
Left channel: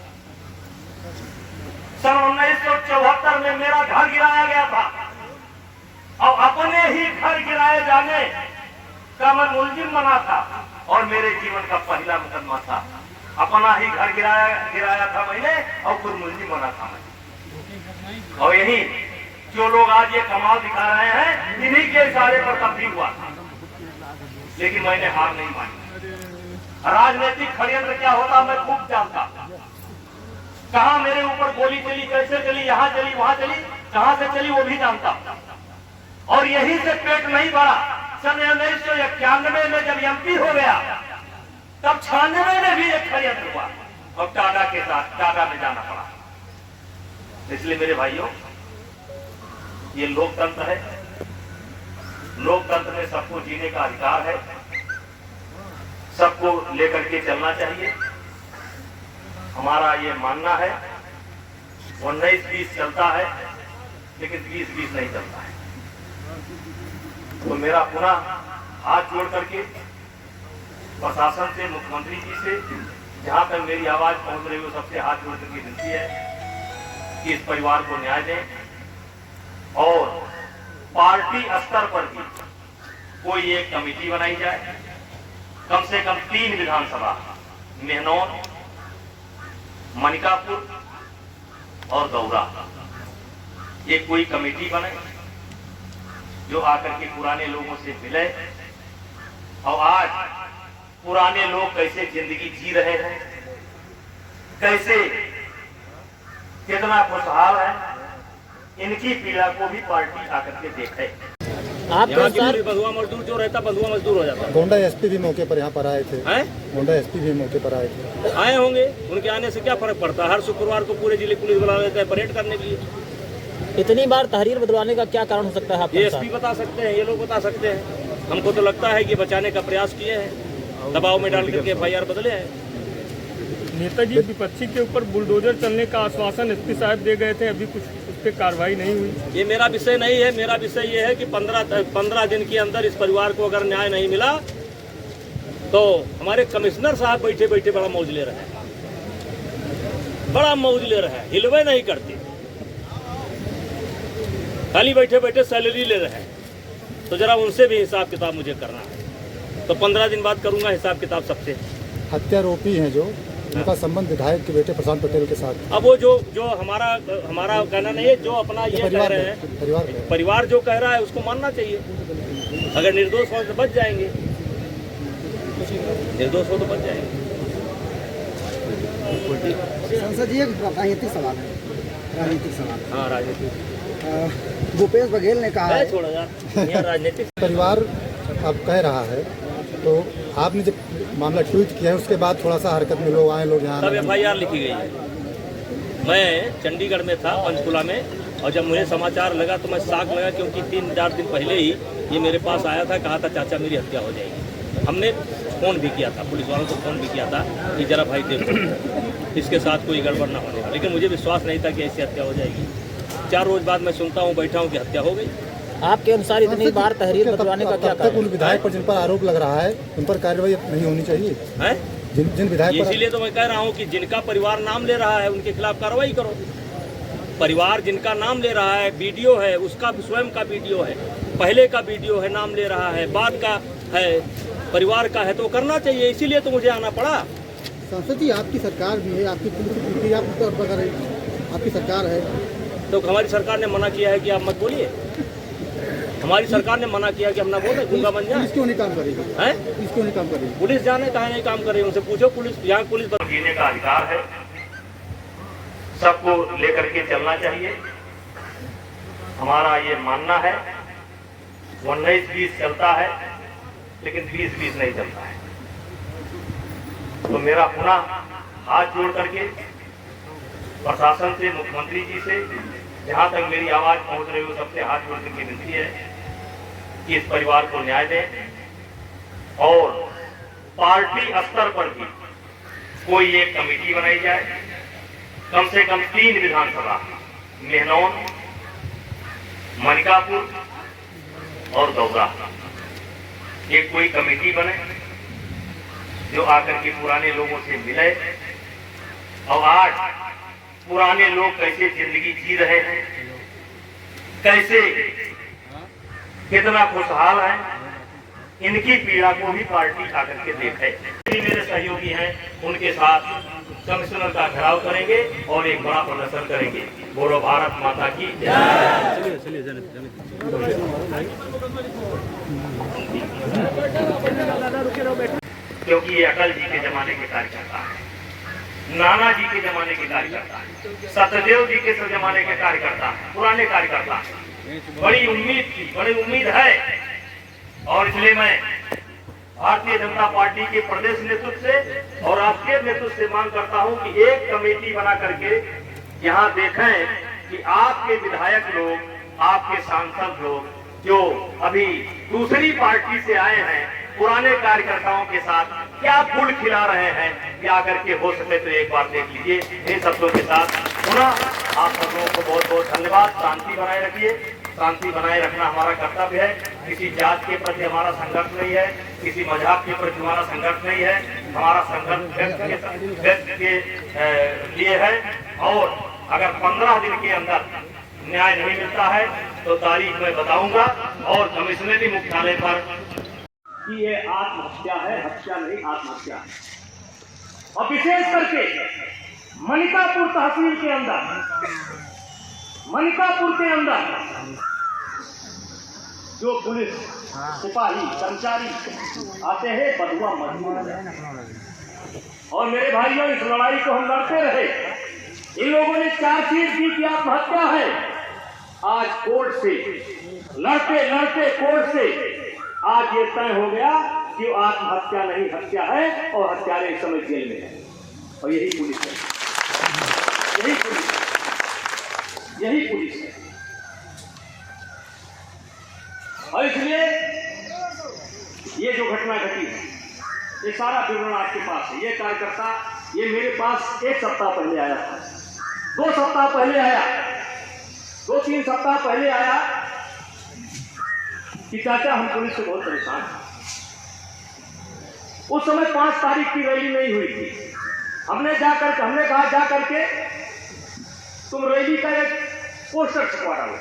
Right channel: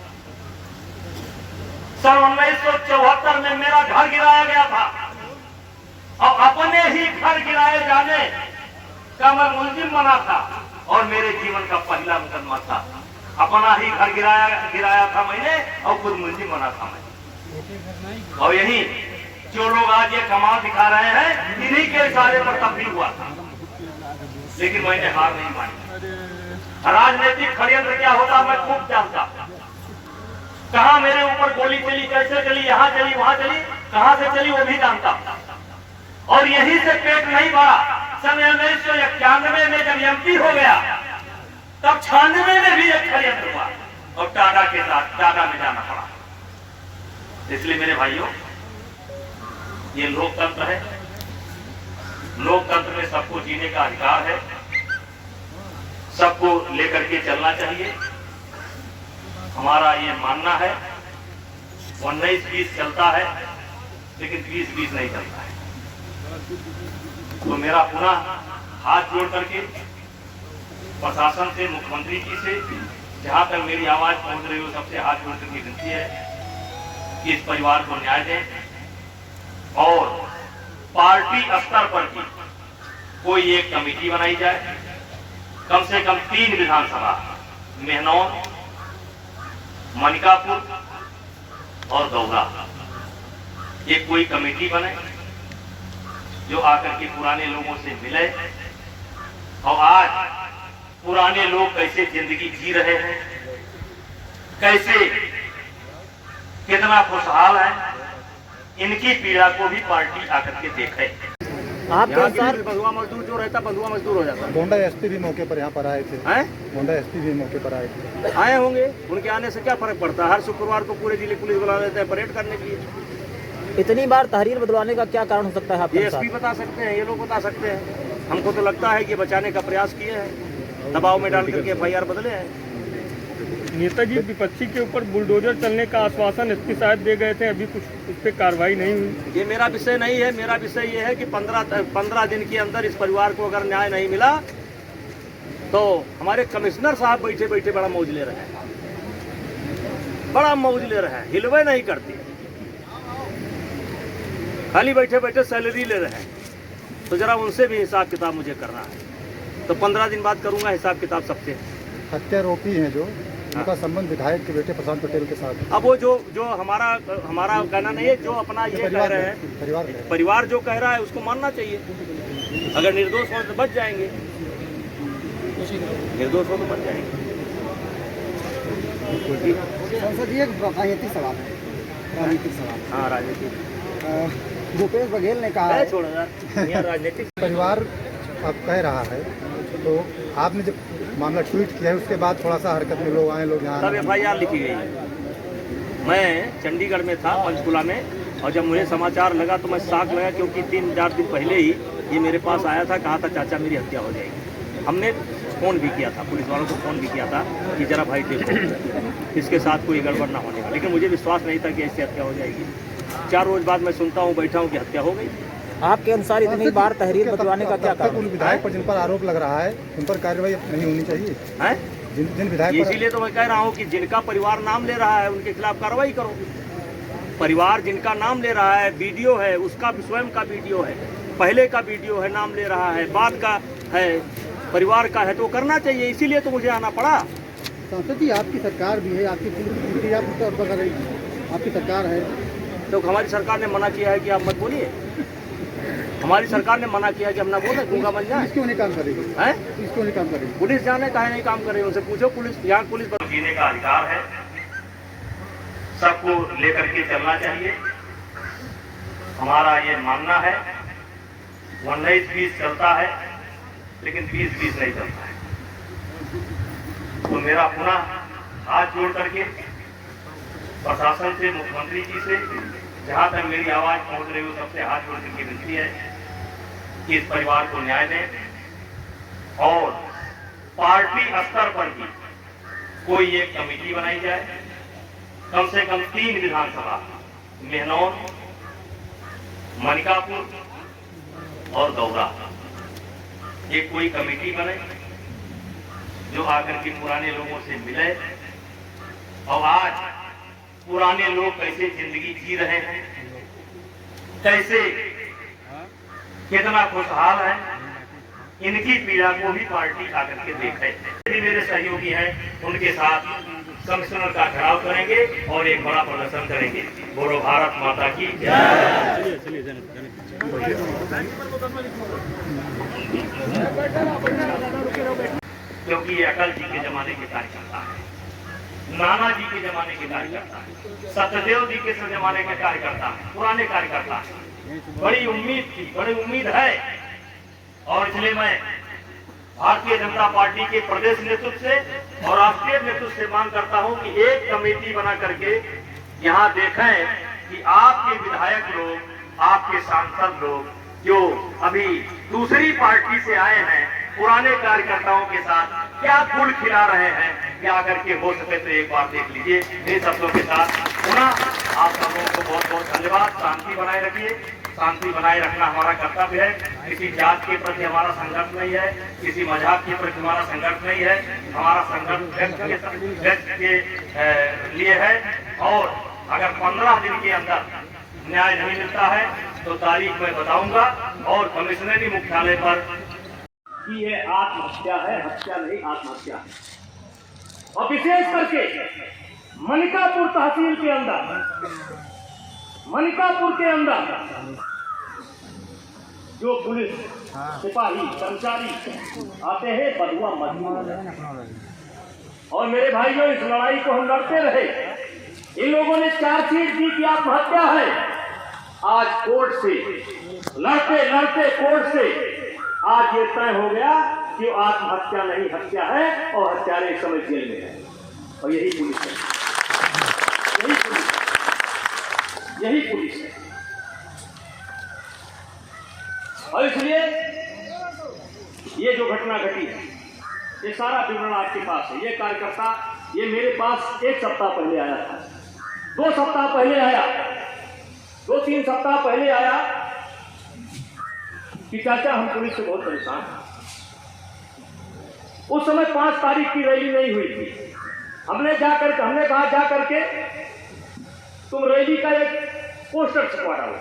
सन 1974 में मेरा घर गिराया गया था और अपने ही घर गिराए जाने का मैं मुलजिम बना था और मेरे जीवन का पहला मुकदमा था। अपना ही घर गिराया था मैंने और खुद मुलजिम बना था मैं। और यही जो लोग आज ये कमाल दिखा रहे हैं, इन्हीं के इशारे पर तब भी हुआ था, लेकिन मैंने हार नहीं मानी। राजनीतिक षड्यंत्र क्या होता मैं खूब जानता। कहां मेरे ऊपर गोली चली, कैसे चली, यहां चली, वहां चली, कहां से चली वो भी जानता। और यही से पेट नहीं भरा। सन 1991 में जब MP हो गया तब 96 में भी एक षड्यंत्र हुआ और टाटा के साथ टाटा में जाना पड़ा। इसलिए मेरे भाइयों, ये लोकतंत्र है। लोकतंत्र में सबको जीने का अधिकार है, सबको लेकर के चलना चाहिए। हमारा ये मानना है 19-20 चलता है, लेकिन 20-20 नहीं चलता है। तो मेरा पुनः हाथ जोड़ करके प्रशासन से, मुख्यमंत्री जी से, जहां तक मेरी आवाज पहुंच रही हो, सबसे हाथ जोड़ करके विनती है कि इस परिवार को न्याय दें और पार्टी स्तर पर भी कोई एक कमेटी बनाई जाए। कम से कम 3 विधानसभा, मेहनौर, मनिकापुर और दौरा, ये कोई कमेटी बने जो आकर के पुराने लोगों से मिले और आज पुराने लोग कैसे जिंदगी जी रहे हैं, कैसे कितना खुशहाल है, इनकी पीड़ा को भी पार्टी आकर के देखे। आपके अनुसार बंधुआ मजदूर जो रहता बंधुआ मजदूर हो जाता है। गोंडा एसपी भी मौके पर यहाँ पर आए थे। गोंडा एसपी भी मौके पर आए थे। आए होंगे, उनके आने से क्या फर्क पड़ता है? हर शुक्रवार को पूरे जिले पुलिस बुला लेते हैं परेड करने के लिए। इतनी बार तहरीर बदलवाने का क्या कारण हो सकता है आपके ये अनुसार? एसपी बता सकते हैं, ये लोग बता सकते हैं। हमको तो लगता है कि बचाने का प्रयास किए हैं, दबाव में डाल करके FIR बदले हैं। नेताजी विपक्षी के ऊपर बुलडोजर चलने का आश्वासन एसपी साहब दे गए थे, अभी कुछ उस पर कार्रवाई नहीं हुई। ये मेरा विषय नहीं है। मेरा विषय ये है कि 15 दिन के अंदर इस परिवार को अगर न्याय नहीं मिला तो हमारे कमिश्नर साहब बैठे बैठे बड़ा मौज ले रहे हैं, बड़ा मौज ले रहे हैं, हिलवे नहीं करते, खाली बैठे बैठे सैलरी ले रहे हैं। तो जरा उनसे भी हिसाब किताब मुझे करना है। तो 15 दिन बाद करूंगा हिसाब किताब सबसे। हत्यारोपी हैं जो, उनका संबंध विधायक के बेटे प्रशांत पटेल के साथ। अब वो जो हमारा कहना नहीं है, जो अपना ये कह रहे हैं, परिवार जो कह रहा है उसको मानना चाहिए। अगर निर्दोष हो तो बच जाएंगे, निर्दोष हो तो बच जाएंगे। संसद जी, एक राजनीतिक सवाल है, राजनीतिक सवाल। हाँ, राजनीतिक। भूपेश बघेल ने कहा है, छोड़ो यार, राजनीतिक परिवार अब कह रहा है, तो आपने जब मामला ट्वीट किया है उसके बाद थोड़ा सा हरकत में लोग आए, लोग यहाँ सब FIR लिखी गई है। मैं चंडीगढ़ में था, पंचकुला में, और जब मुझे समाचार लगा तो मैं शॉक लगा, क्योंकि 3-4 दिन पहले ही ये मेरे पास आया था, कहा था चाचा मेरी हत्या हो जाएगी। हमने फ़ोन भी किया था, पुलिस वालों को फ़ोन भी किया था कि जरा भाई देखो इसके साथ कोई गड़बड़ ना होने का, लेकिन मुझे विश्वास नहीं था कि ऐसी हत्या हो जाएगी। 4 रोज बाद मैं सुनता हूँ, बैठा हूँ कि हत्या हो गई। आपके अनुसार इतनी बार तहरीर बदलवाने का क्या कारण? उन विधायक पर जिन पर आरोप लग रहा है उन पर कार्रवाई नहीं होनी चाहिए है? जिन विधायक पर... इसीलिए तो मैं कह रहा हूँ कि जिनका परिवार नाम ले रहा है उनके खिलाफ कार्रवाई करो। परिवार जिनका नाम ले रहा है, वीडियो है, उसका स्वयं का वीडियो है, पहले का वीडियो है, नाम ले रहा है, बाद का है, परिवार का है, तो करना चाहिए। इसीलिए तो मुझे आना पड़ा। संसद जी, आपकी सरकार भी है, आपकी सरकार है, तो हमारी सरकार ने मना किया है कि आप मत बोलिए। हमारी सरकार ने मना किया कि हम ना बोले, गूंगा बन जाए। क्यों नहीं काम करेगी? हैं? क्यों नहीं काम करेगी? पुलिस जाने काहे नहीं काम कर रही है, उनसे पूछो। पुलिस यहाँ पुलिस जीने का अधिकार है, सबको लेकर के चलना चाहिए। हमारा ये मानना है 19-20 चलता है, लेकिन 20-20 नहीं चलता है। तो मेरा पुनः हाथ जोड़ करके प्रशासन से, मुख्यमंत्री जी से, जहां तक मेरी आवाज पहुंच रही हो, सबसे हाथ जोड़ करके विनती है कि इस परिवार को न्याय दें और पार्टी स्तर पर भी कोई एक कमेटी बनाई जाए। कम से कम 3 विधानसभा, मेहनौर, मनिकापुर और दौरा, एक कोई कमेटी बने जो आकर के पुराने लोगों से मिले और आज पुराने लोग कैसे जिंदगी जी रहे हैं, कैसे कितना खुशहाल है, इनकी पीड़ा को भी पार्टी आकर के देखे। मेरे सहयोगी हैं, उनके साथ कमिश्नर का घेराव करेंगे और एक बड़ा प्रदर्शन करेंगे। बोलो भारत माता की जय। क्योंकि ये अटल जी के जमाने के कार्यकर्ता है, नाना जी के जमाने के कार्यकर्ता है, सत्यदेव जी के जमाने के कार्यकर्ता है, पुराने कार्यकर्ता। बड़ी उम्मीद थी, बड़ी उम्मीद है, और इसलिए मैं भारतीय जनता पार्टी के प्रदेश नेतृत्व से और राष्ट्रीय नेतृत्व से मांग करता हूं कि एक कमेटी बना करके यहां देखें कि आपके विधायक लोग, आपके सांसद लोग जो अभी दूसरी पार्टी से आए हैं, पुराने कार्यकर्ताओं के साथ क्या गुड़ खिला रहे हैं, क्या करके हो सके तो एक बार देख लीजिए। इन शब्दों के साथ पुनः आप सब लोगों को बहुत बहुत धन्यवाद। शांति बनाए रखिए। शांति बनाए रखना हमारा कर्तव्य है। किसी जात के प्रति हमारा संघर्ष नहीं है, किसी मजहब के प्रति हमारा संघर्ष नहीं है। हमारा संघर्ष व्यक्त के लिए है। और अगर 15 दिन के अंदर न्याय नहीं मिलता है तो तारीख मैं बताऊंगा और कमिश्नरी मुख्यालय पर कि ये आत्महत्या है, हत्या नहीं आत्महत्या है। और विशेष करके मनिकापुर तहसील के अंदर, मनिकापुर के अंदर जो पुलिस सिपाही कर्मचारी आते हैं बदुआ मजदूर, और मेरे भाइयों इस लड़ाई को हम लड़ते रहे। इन लोगों ने चार्जशीट दी कि आत्महत्या है। आज कोर्ट से लड़ते लड़ते कोर्ट से आज ये तय हो गया कि आत्महत्या नहीं हत्या है और हत्यारे इस समय जेल में है। और यही पुलिस है, यही पुलिस है, यही पुलिस है। और इसलिए ये जो घटना घटी है ये सारा विवरण आपके पास है। ये कार्यकर्ता ये मेरे पास 1 सप्ताह पहले आया था, 2 सप्ताह पहले आया, 2-3 सप्ताह पहले आया कि चाचा हम पुलिस से बहुत परेशान हैं। उस समय 5 तारीख की रैली नहीं हुई थी। हमने कहा जा करके तुम रैली का एक पोस्टर छपवा डालो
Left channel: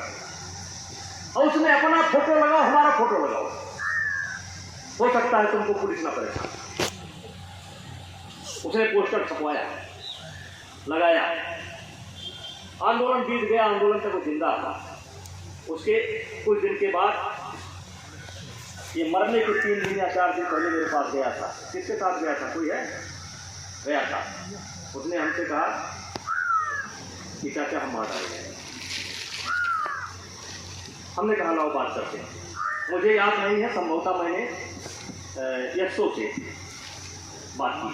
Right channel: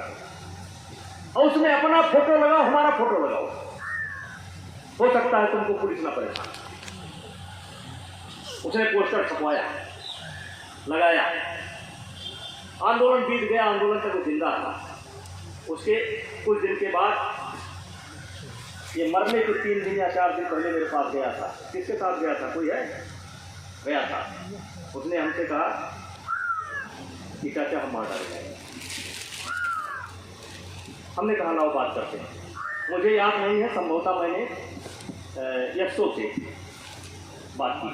और उसमें अपना फोटो लगाओ, हमारा फोटो लगाओ, हो सकता है तुमको पुलिस ना परेशान। उसने पोस्टर छपवाया, लगाया, आंदोलन बीत गया, आंदोलन तक वो जिंदा था। उसके कुछ दिन के बाद ये मरने के 3 दिन या 4 दिन पहले मेरे पास गया था। किसके साथ गया था? कोई है? गया था। उसने हमसे कहा कि चाचा हम मार डाले गए। हमने कहा लाओ बात करते हैं। मुझे याद नहीं है, संभवतः मैंने यशो से बात की।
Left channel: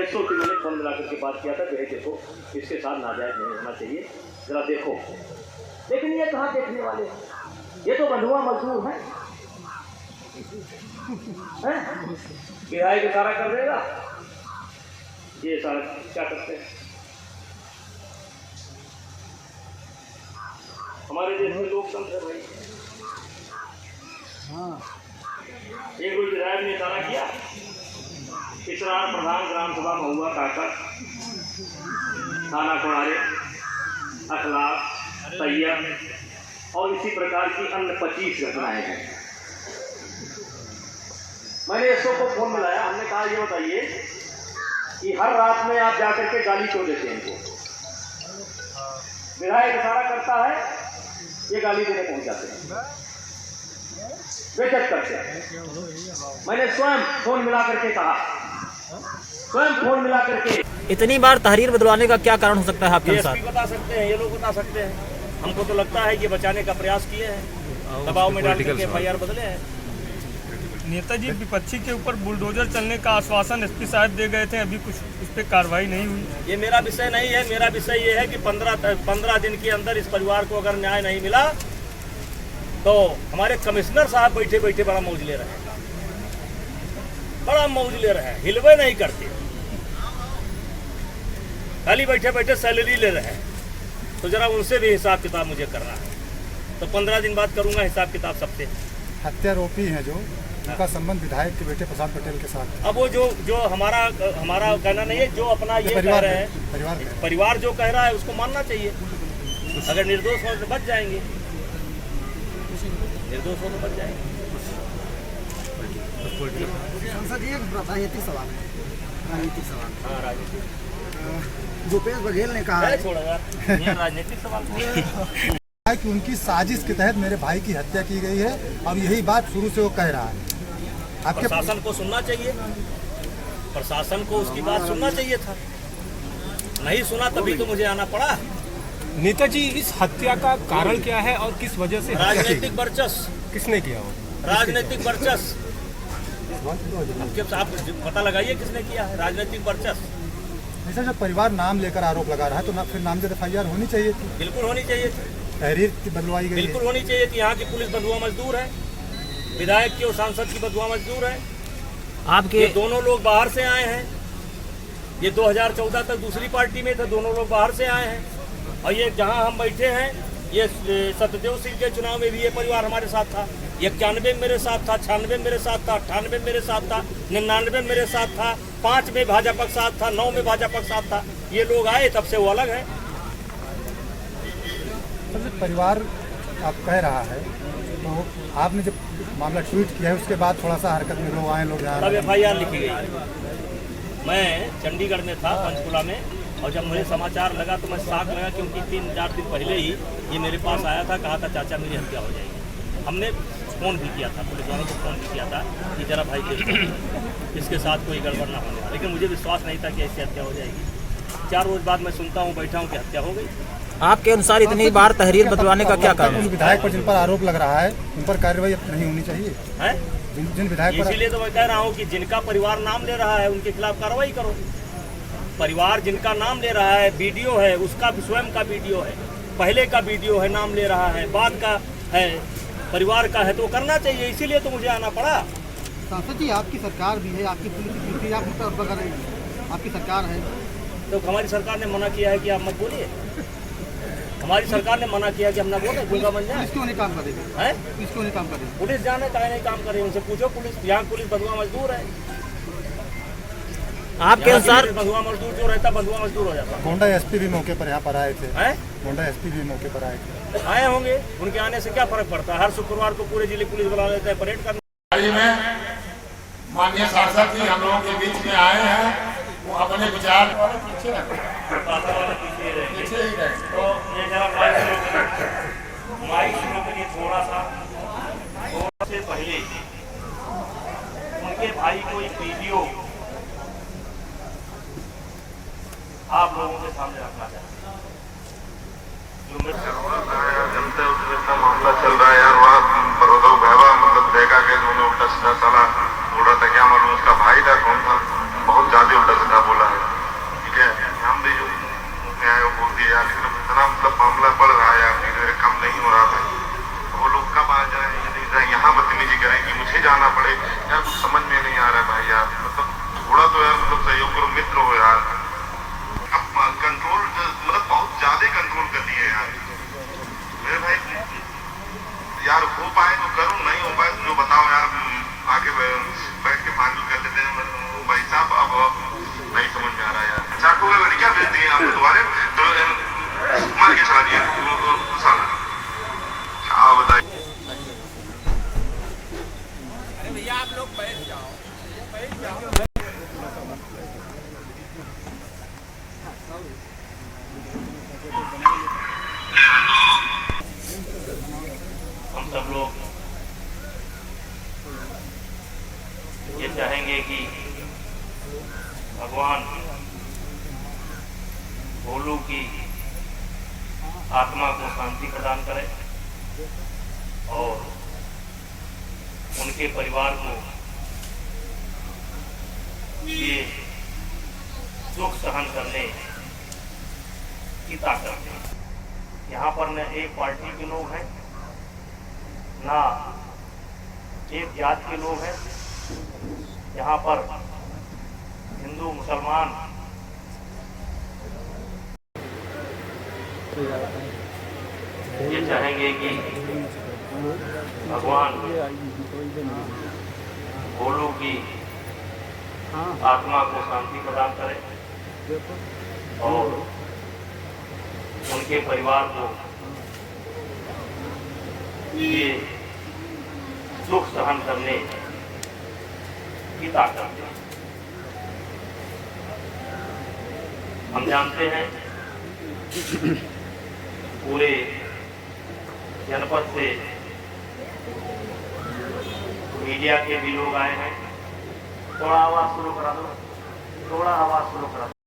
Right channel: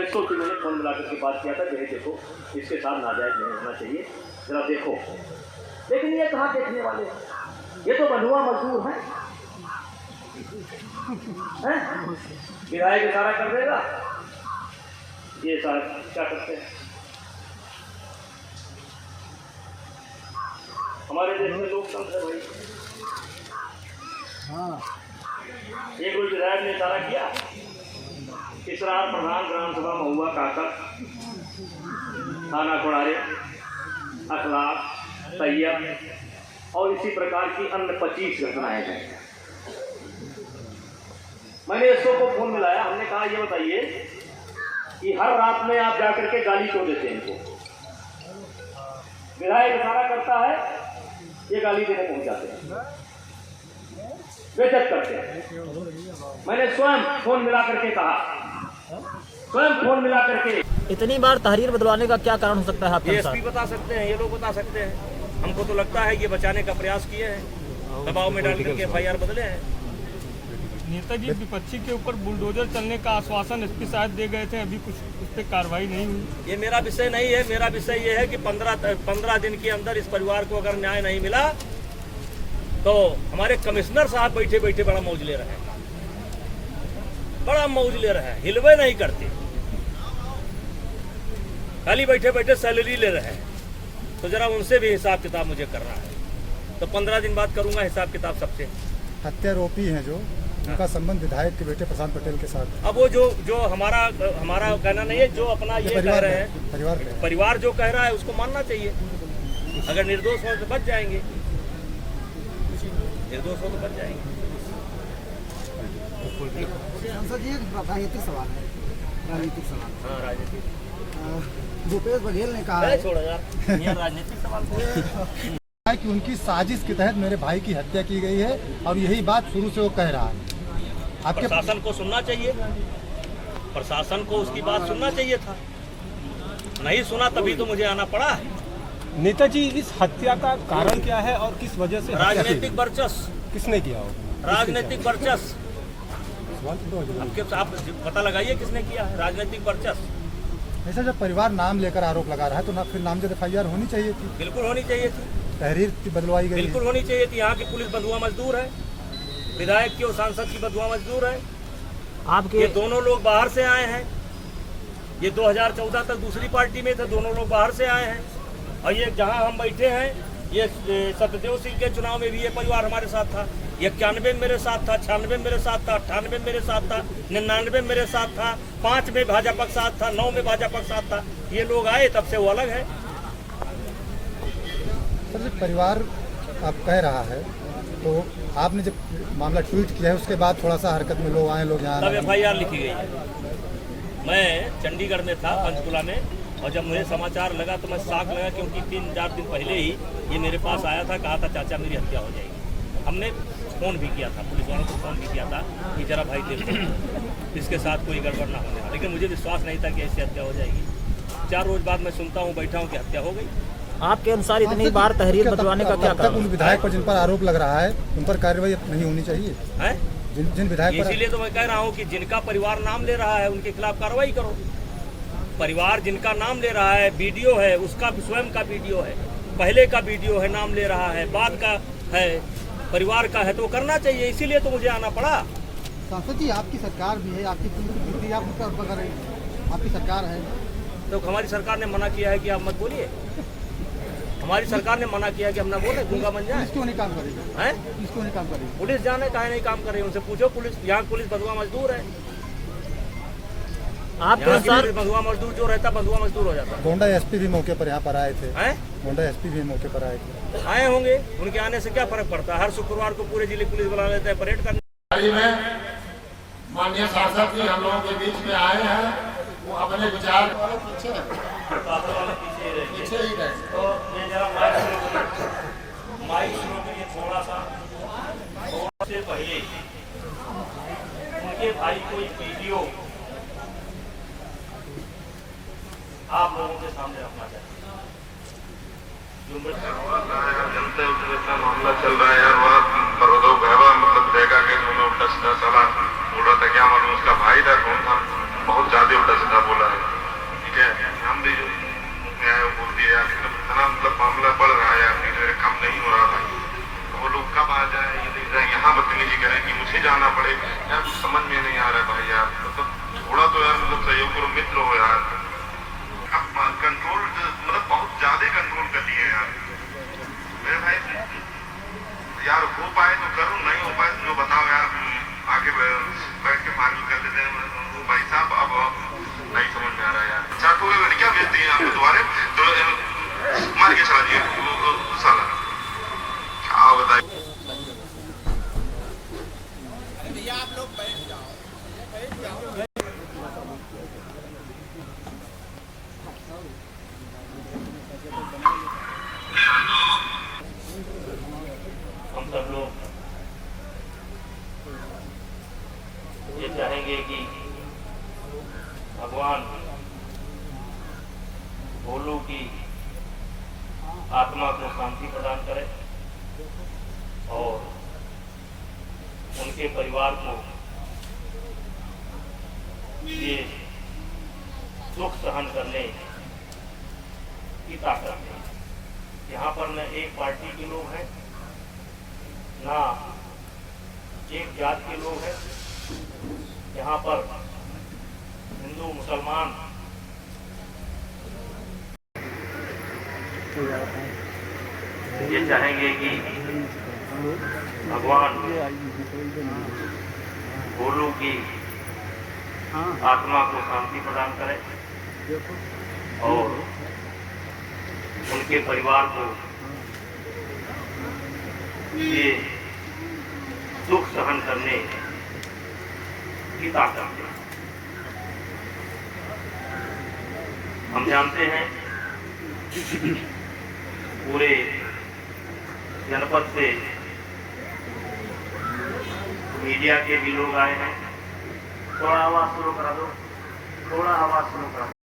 यशो से मैंने फोन मिला करके बात किया था, जो है देखो इसके साथ नाजायज नहीं होना चाहिए, जरा देखो। लेकिन ये कहाँ देखने वाले हैं, ये तो बंधुआ मजदूर हैं। विधायक इशारा कर देगा, ये सारा क्या करते हैं। हमारे देश में लोकतंत्र है भाई। एक कोई विधायक ने इशारा किया, इसरार प्रधान ग्राम सभा महुआ काकर, थाना कोड़ारे, अखलाक, तैयब और इसी प्रकार की अन्य 25 घटनाएं हैं। मैंने एसओ को फोन मिलाया, हमने कहा ये बताइए कि हर रात में आप जाकर के गाली क्यों देते हैं इनको। विधायक इशारा करता है, ये गाली देने पहुंच जाते हैं, बेइज्जत करते हैं। मैंने स्वयं फोन मिला करके कहा, स्वयं फोन मिला करके। इतनी बार तहरीर बदलवाने का क्या कारण हो सकता है आपके अनुसार? एसपी बता सकते हैं, ये लोग बता सकते हैं। हमको तो लगता है ये बचाने का प्रयास किए हैं, दबाव में डाल करके FIR बदले हैं। नेताजी विपक्षी के ऊपर बुलडोजर चलने का आश्वासन एसपी साहब दे गए थे, अभी कुछ उस पर कार्रवाई नहीं हुई। ये मेरा विषय नहीं है। मेरा विषय ये है कि 15 दिन के अंदर इस परिवार को अगर न्याय नहीं मिला तो हमारे कमिश्नर साहब बैठे बैठे बड़ा मौज ले रहे हैं, बड़ा मौज ले रहे हैं, हिलवे नहीं करते, खाली बैठे बैठे सैलरी ले रहे हैं। तो जरा उनसे भी हिसाब किताब मुझे करना है। तो 15 दिन बाद करूंगा हिसाब किताब सबसे। हत्यारोपी हैं जो, उनका संबंध विधायक के बेटे प्रशांत पटेल के साथ। अब वो जो हमारा कहना नहीं है, जो अपना ये कह रहे हैं, परिवार जो कह रहा है उसको मानना चाहिए। अगर निर्दोष हो तो बच जाएंगे, निर्दोष हो तो बच जाएंगे। राजनीतिक सवाल है, राजनीतिक सवाल। हाँ, राजनीतिक भूपेश बघेल ने कहा है, छोड़ा यार, ये राजनीतिक सवाल है कि उनकी साजिश के तहत मेरे भाई की हत्या की गई है और यही बात शुरू से वो कह रहा है। आपके प्रशासन को सुनना चाहिए, प्रशासन को उसकी बात सुनना चाहिए था, नहीं सुना तभी तो मुझे आना पड़ा। नेताजी, इस हत्या का कारण क्या है और किस वजह से? राजनीतिक वर्चस्व। किसने किया हो? राजनीतिक वर्चस्व। अब जब आप पता लगाइए किसने किया है, राजनीतिक वर्चस्व। ऐसा जब परिवार नाम लेकर आरोप लगा रहा है तो फिर नामजद FIR होनी चाहिए थी। बिल्कुल होनी चाहिए थी, तहरीर बदलवाई गई, बिल्कुल होनी चाहिए थी। यहाँ की पुलिस बंधुआ मजदूर है, विधायक की और सांसद की बंधुआ मजदूर है। आपके ये दोनों लोग बाहर से आए हैं, ये 2014 तक दूसरी पार्टी में थे, दोनों लोग बाहर से आए हैं। और ये जहाँ हम बैठे हैं ये सत्यदेव सिंह के चुनाव में भी ये परिवार हमारे साथ था, 91 में मेरे साथ था, 96 में मेरे साथ था, 98 में मेरे साथ था, 99 में मेरे साथ था, 5 में भाजपा के साथ था, 9 में भाजपा के साथ था। ये लोग आए तब से वो अलग है। परिवार आप कह रहा है, तो आपने जब मामला ट्वीट किया है उसके बाद थोड़ा सा हरकत में लोग आए, लोग यहाँ तब FIR लिखी गई। मैं चंडीगढ़ में था, पंचकुला में, और जब मुझे समाचार लगा तो मैं शॉक लगा, क्योंकि 3-4 दिन पहले ही ये मेरे पास आया था, कहा था चाचा मेरी हत्या हो जाएगी। हमने फ़ोन भी किया था, पुलिस वालों को फ़ोन भी किया था कि जरा भाई देखो इसके साथ कोई गड़बड़ ना होने वाला, लेकिन मुझे विश्वास नहीं था कि ऐसी हत्या हो जाएगी। 4 रोज़ बाद मैं सुनता हूँ, बैठा हूँ कि हत्या हो गई। आपके अनुसार इतनी बार तहरीर बदलवाने का क्या कारण उन है? विधायक पर जिन पर आरोप लग रहा है उन पर कार्रवाई नहीं होनी चाहिए है? जिन विधायक पर इसीलिए तो मैं कह रहा हूँ कि जिनका परिवार नाम ले रहा है उनके खिलाफ कार्रवाई करो। परिवार जिनका नाम ले रहा है, वीडियो है, उसका स्वयं का वीडियो है, पहले का वीडियो है, नाम ले रहा है, बाद का है, परिवार का है, तो करना चाहिए। इसीलिए तो मुझे आना पड़ा। सांसद जी, आपकी सरकार भी है, आपकी पुलिस की ड्यूटी आप मतलब वगैरह आपकी सरकार है, तो हमारी सरकार ने मना किया है कि आप मत बोलिए। हमारी सरकार ने मना किया कि हम ना बोले, गूंगा बन जाए। पुलिस क्यों नहीं काम करेगी? हैं? पुलिस क्यों नहीं काम करेगी? पुलिस जाने काहे नहीं काम करे, उनसे पूछो। पुलिस यहाँ पुलिस बंधुआ मजदूर है। आपके अनुसार बंधुआ मजदूर जो रहता बंधुआ मजदूर हो जाता गोंडा एसपी भी मौके पर यहाँ पर आए थे, है। गोंडा एसपी भी मौके पर आए थे। आए होंगे, उनके आने से क्या फर्क पड़ता है? हर शुक्रवार को पूरे जिले पुलिस बुला लेते हैं परेड करने। माननीय सांसद जी हम लोगों के बीच में आए हैं, वो अपने विचार पीछे ही रहे। तो ये जरा माइक शुरू करिए थोड़ा सा। से पहले उनके भाई को एक वीडियो आप लोगों के सामने रखना चाहिए। जनता का मामला चल रहा है यार, वहाँ पर्वतों भावा मतलब देखा कि उन्होंने उल्टा सीधा साला बोला था, क्या मालूम उसका भाई था कौन था, बहुत ज्यादा उल्टा सीधा बोला है। ठीक है, हम भी जो न्याय बोल दिया, लेकिन इतना मतलब मामला बढ़ रहा है यार, मेरे काम नहीं हो रहा था। वो लोग कब आ जाए या नहीं जाए, यहाँ बदतमीजी करें कि मुझे जाना पड़े यार, कुछ समझ में नहीं आ रहा भाई यार। मतलब थोड़ा तो यार मतलब सहयोग करो, मित्र हो यार। कंट्रोल मतलब बहुत ज्यादा कंट्रोल कर दिए यार मेरे भाई। यार हो पाए तो करूँ, नहीं हो पाए तो जो बताओ यार, आके बैठ के बात कर लेते हैं। मतलब भाई साहब अब नहीं समझ में आ रहा है यार। 60 लड़कियां भेज दी हमको दोबारा, तो मार के चला दिया साला। हाँ बताइए भैया, आप लोग बैठ जाओ। हम सब लोग ये चाहेंगे कि भगवान भोलू की आत्मा को शांति प्रदान करे और उनके परिवार को ये दुख सहन करने की ताकत है। यहाँ पर न एक पार्टी के लोग हैं, ना एक जात के लोग हैं। यहाँ पर हिंदू मुसलमान ये चाहेंगे कि भगवान भोलू की आत्मा को शांति प्रदान करे और उनके परिवार को ये दुख सहन करने की ताकत दे। हम जानते हैं पूरे जनपद से मीडिया के भी लोग आए हैं। थोड़ा आवाज शुरू करा दो, थोड़ा आवाज शुरू करा दो।